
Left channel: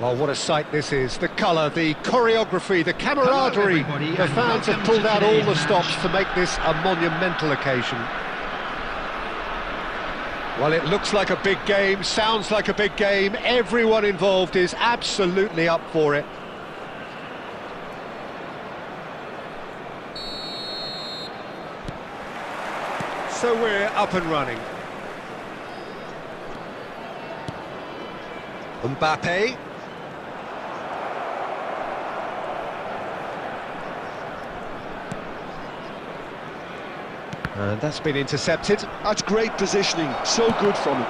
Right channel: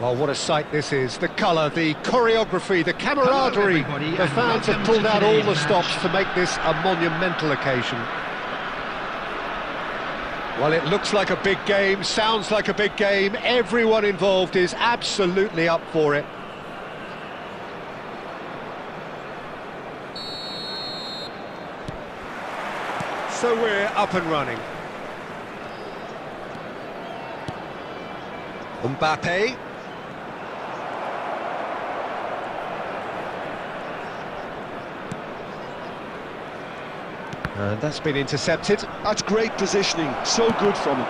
Well, what a sight this is. The colour, the choreography, the camaraderie. everybody, The and fans have welcome pulled to out all today's the match. stops to make this a monumental occasion. Well, it looks like a big game, sounds like a big game. Everyone involved is absolutely up for it. So we're up and running. Mbappe. And that's been intercepted. That's great positioning, so good from him.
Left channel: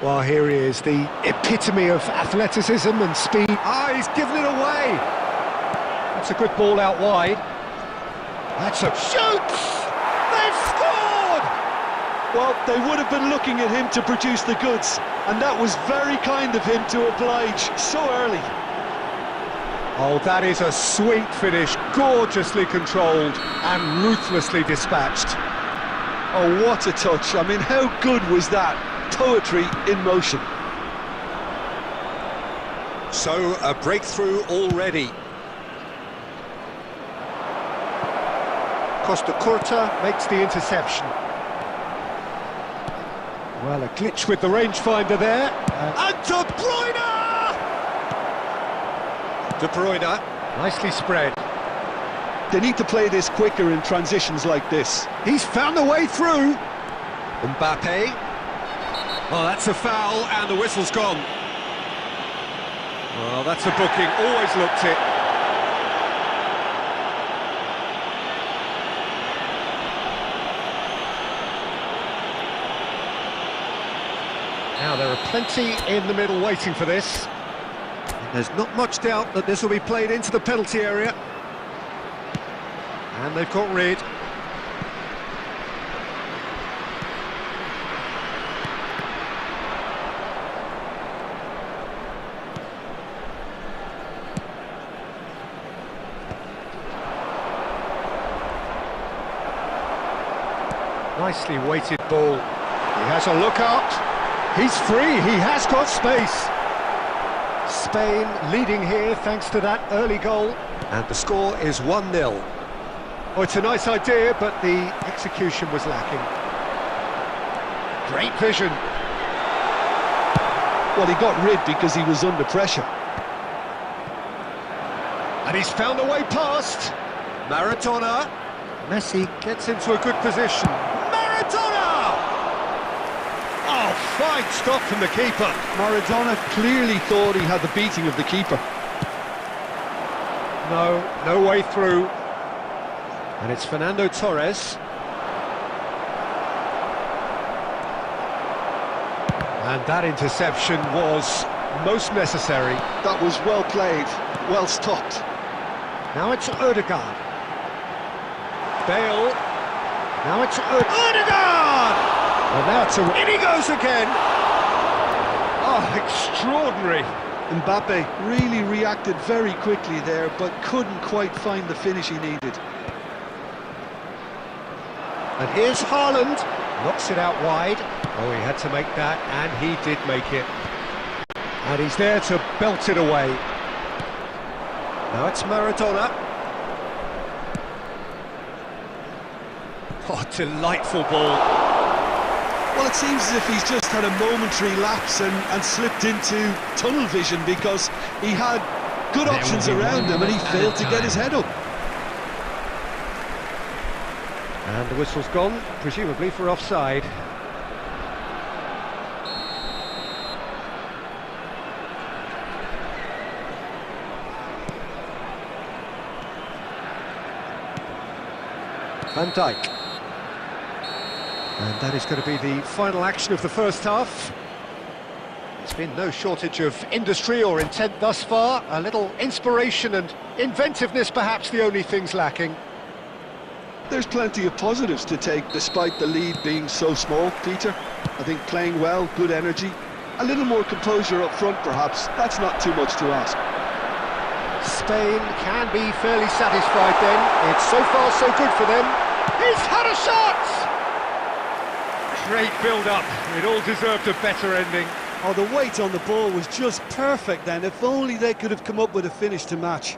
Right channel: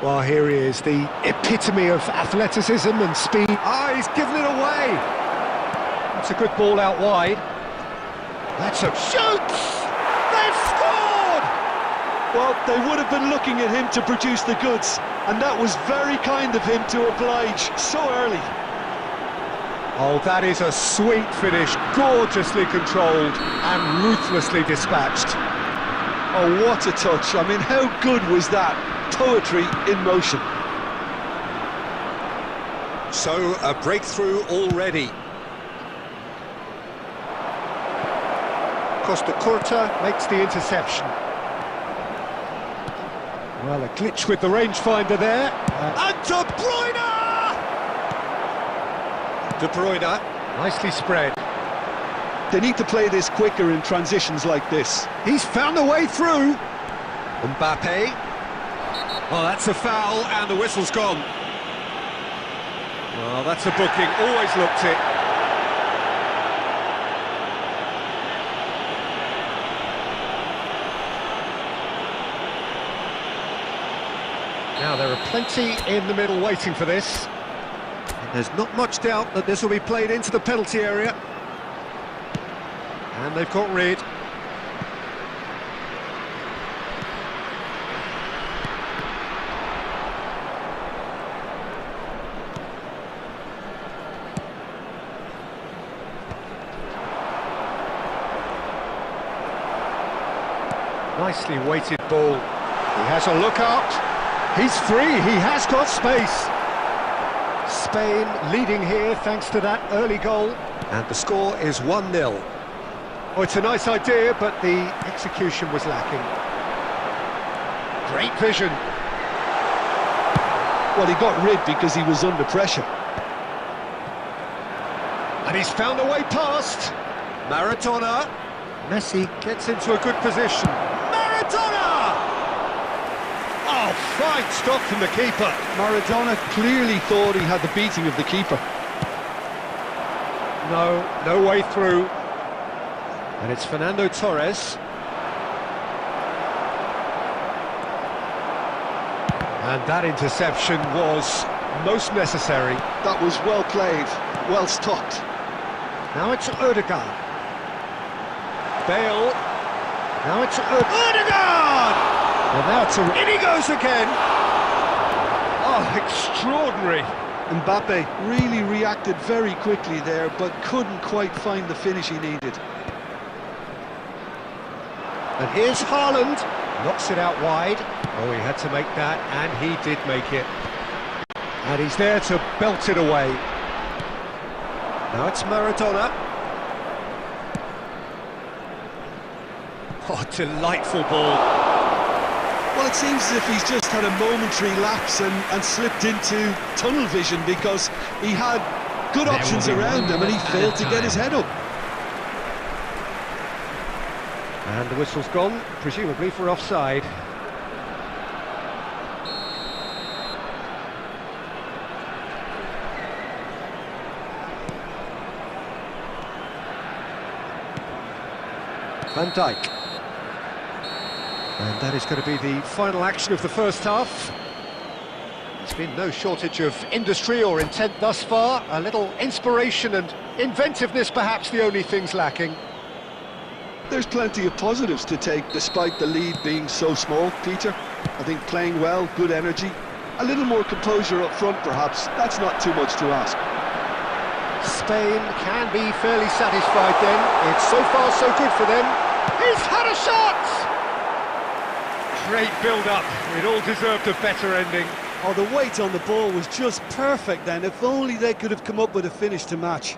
Well, here he is, the epitome of athleticism and speed. He's given it away. That's a good ball out wide. That's a shoots! They've scored! Well, they would have been looking at him to produce the goods, and that was very kind of him to oblige so early. Oh, that is a sweet finish, gorgeously controlled and ruthlessly dispatched. Oh, what a touch. I mean, how good was that? Poetry in motion. So, a breakthrough already. Costa Curta makes the interception. Well, a glitch with the rangefinder there. And De Bruyne! De Bruyne, nicely spread. They need to play this quicker in transitions like this. He's found a way through. Mbappe. Oh, that's a foul, and the whistle's gone. Well, that's a booking, always looked it. Now, there are plenty in the middle waiting for this. There's not much doubt that this will be played into the penalty area. And they've got rid. Nicely weighted ball. He has a look out. He's free, he has got space. Spain leading here thanks to that early goal. And the score is 1-0. Oh, it's a nice idea, but the execution was lacking. Great vision. Well, he got rid because he was under pressure. And he's found a way past. Maradona. Messi gets into a good position. Maradona! Oh, fine stop from the keeper. Maradona clearly thought he had the beating of the keeper. No way through. And it's Fernando Torres. And that interception was most necessary. That was well played, well stopped. Now it's Ødegaard. Bale. Now it's Ødegaard! Well, now it's in he goes again. Oh, extraordinary. Mbappe really reacted very quickly there, but couldn't quite find the finish he needed. And here's Haaland. Knocks it out wide. Oh, he had to make that, and he did make it. And he's there to belt it away. Now it's Maradona. Oh, delightful ball. Well, it seems as if he's just had a momentary lapse and slipped into tunnel vision because he had good options around him and he failed to get his head up. And the whistle's gone, presumably for offside. Van Dijk. And that is going to be the final action of the first half. There's been no shortage of industry or intent thus far. A little inspiration and inventiveness, perhaps the only things lacking. There's plenty of positives to take despite the lead being so small, Peter. I think playing well, good energy, a little more composure up front perhaps. That's not too much to ask. Spain can be fairly satisfied then. It's so far so good for them. He's had a shot! Great build-up. It all deserved a better ending. Oh, the weight on the ball was just perfect then. If only they could have come up with a finish to match.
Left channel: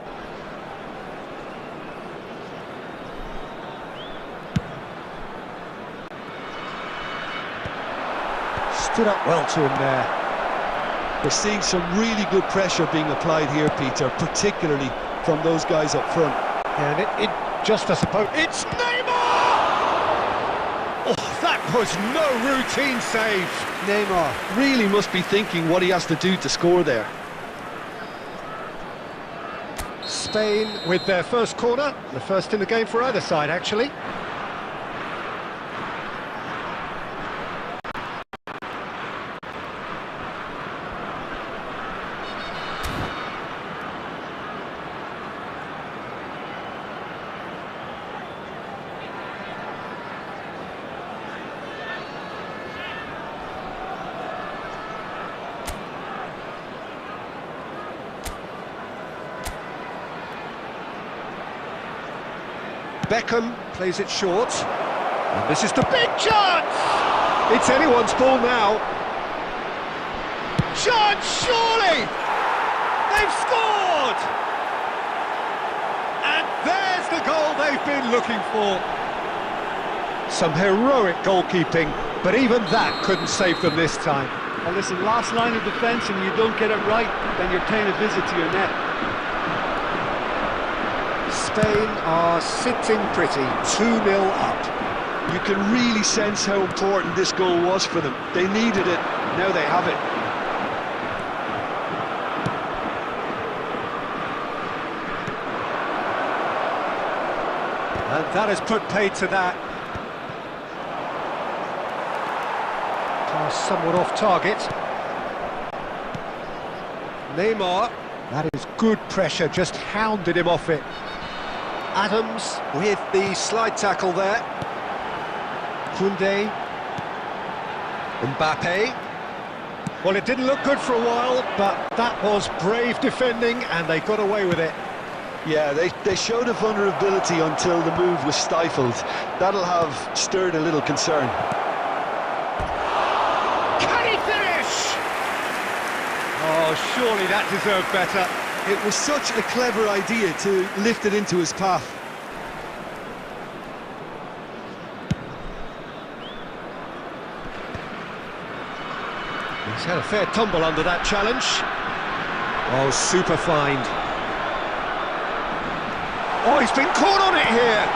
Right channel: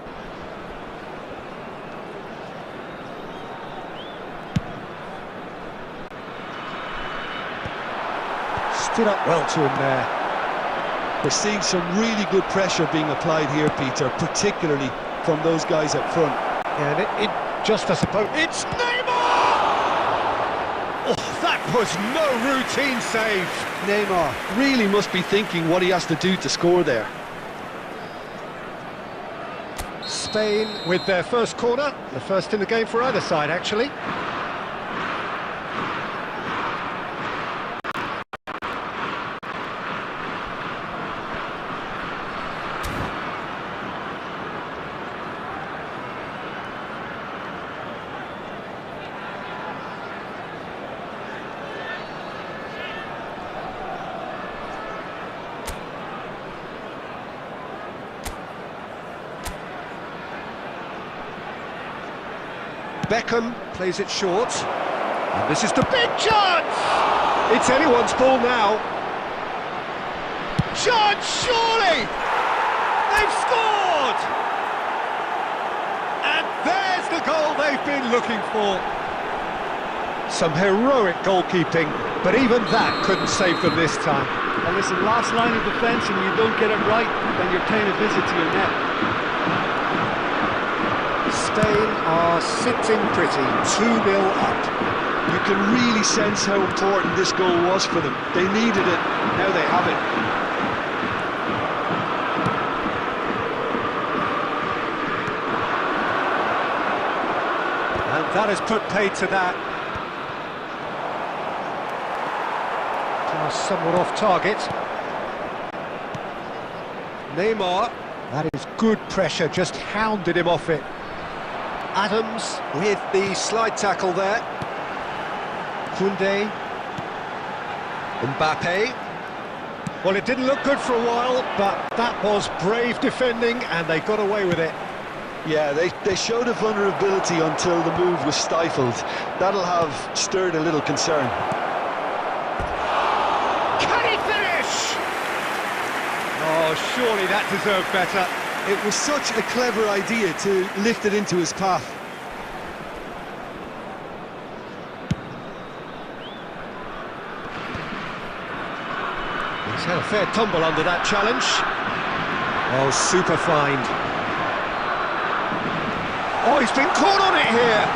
Stood up well to him there. We're seeing some really good pressure being applied here, Peter, particularly from those guys up front. And it just, I suppose, it's Neymar! Oh, that was no routine save. Neymar really must be thinking what he has to do to score there. Spain with their first corner, the first in the game for either side, actually. Beckham plays it short, and this is the big chance! It's anyone's ball now. Chance, surely! They've scored! And there's the goal they've been looking for. Some heroic goalkeeping, but even that couldn't save them this time. Well, listen, last line of defence and you don't get it right, then you're paying a visit to your net. Spain are sitting pretty, 2-0 up. You can really sense how important this goal was for them. They needed it, now they have it. And that has put paid to that. Pass somewhat off target. Neymar, that is good pressure, just hounded him off it. Adams with the slide tackle there. Koundé. Mbappe. Well, it didn't look good for a while, but that was brave defending and they got away with it. Yeah, they showed a vulnerability until the move was stifled. That'll have stirred a little concern. Can he finish? Oh, surely that deserved better. It was such a clever idea to lift it into his path. He's had a fair tumble under that challenge. Oh, super find. Oh, he's been caught on it here.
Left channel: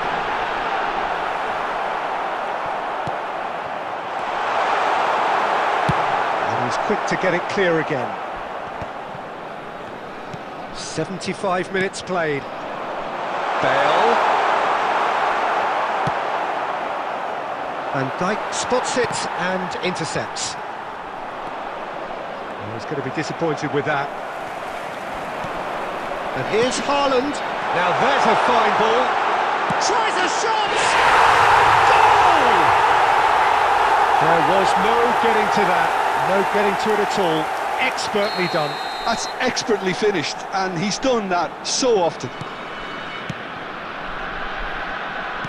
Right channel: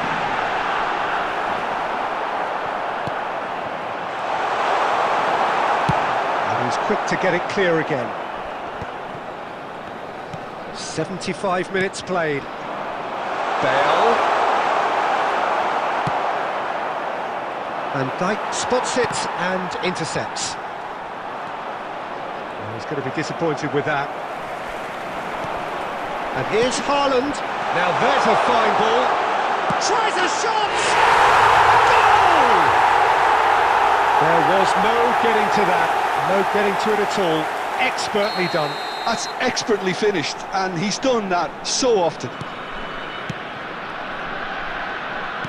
And he's quick to get it clear again. 75 minutes played. Bale. Van Dijk spots it and intercepts. Oh, he's going to be disappointed with that. And here's Haaland. Now there's a fine ball. Tries a shot! Goal! There was no getting to that. No getting to it at all. Expertly done. That's expertly finished, and he's done that so often.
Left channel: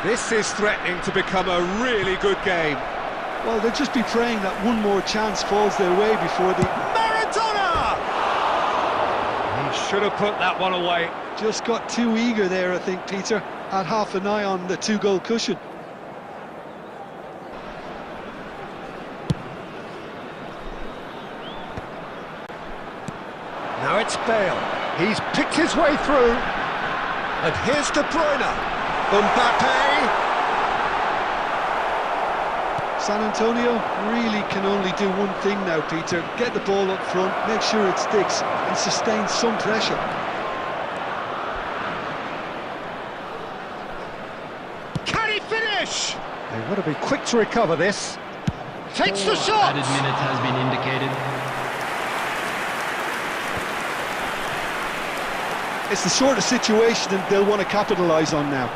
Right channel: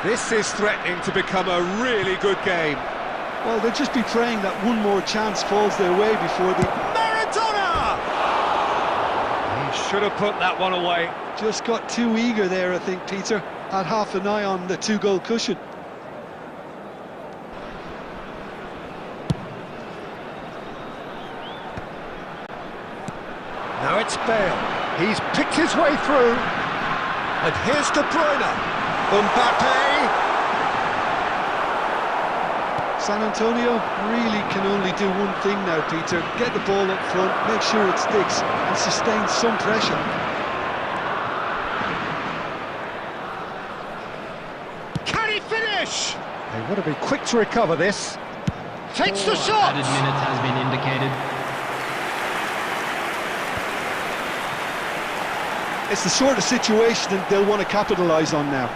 This is threatening to become a really good game. Well, they'll just be praying that one more chance falls their way before the... Maradona! He should have put that one away. Just got too eager there, I think, Peter. Had half an eye on the two-goal cushion. Now it's Bale. He's picked his way through. And here's De Bruyne. Mbappe. San Antonio really can only do one thing now, Peter. Get the ball up front, make sure it sticks, and sustain some pressure. Can he finish? They want to be quick to recover this. Takes the shot! Added minutes has been indicated. It's the sort of situation that they'll want to capitalise on now.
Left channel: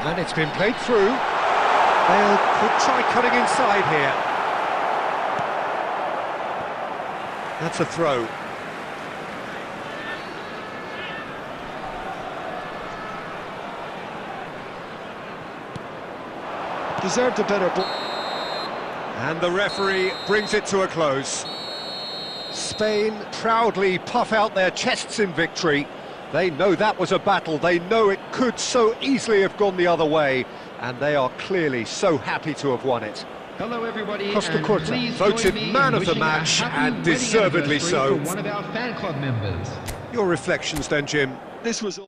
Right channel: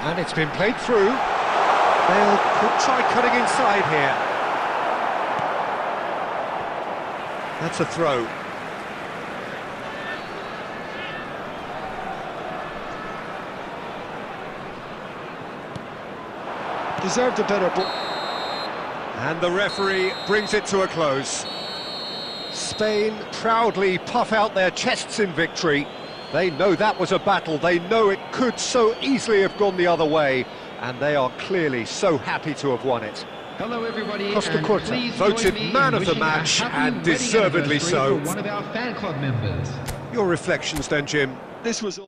And it's been played through. Bale could try cutting inside here. That's a throw. Deserved a better ball. And the referee brings it to a close. Spain proudly puff out their chests in victory. They know that was a battle, they know it could so easily have gone the other way, and they are clearly so happy to have won it. Hello everybody, Costa and Curta please voted join me man in of the wishing a match, happy and wedding deservedly anniversary so. for one of our fan club members. Your reflections then, Jim? This was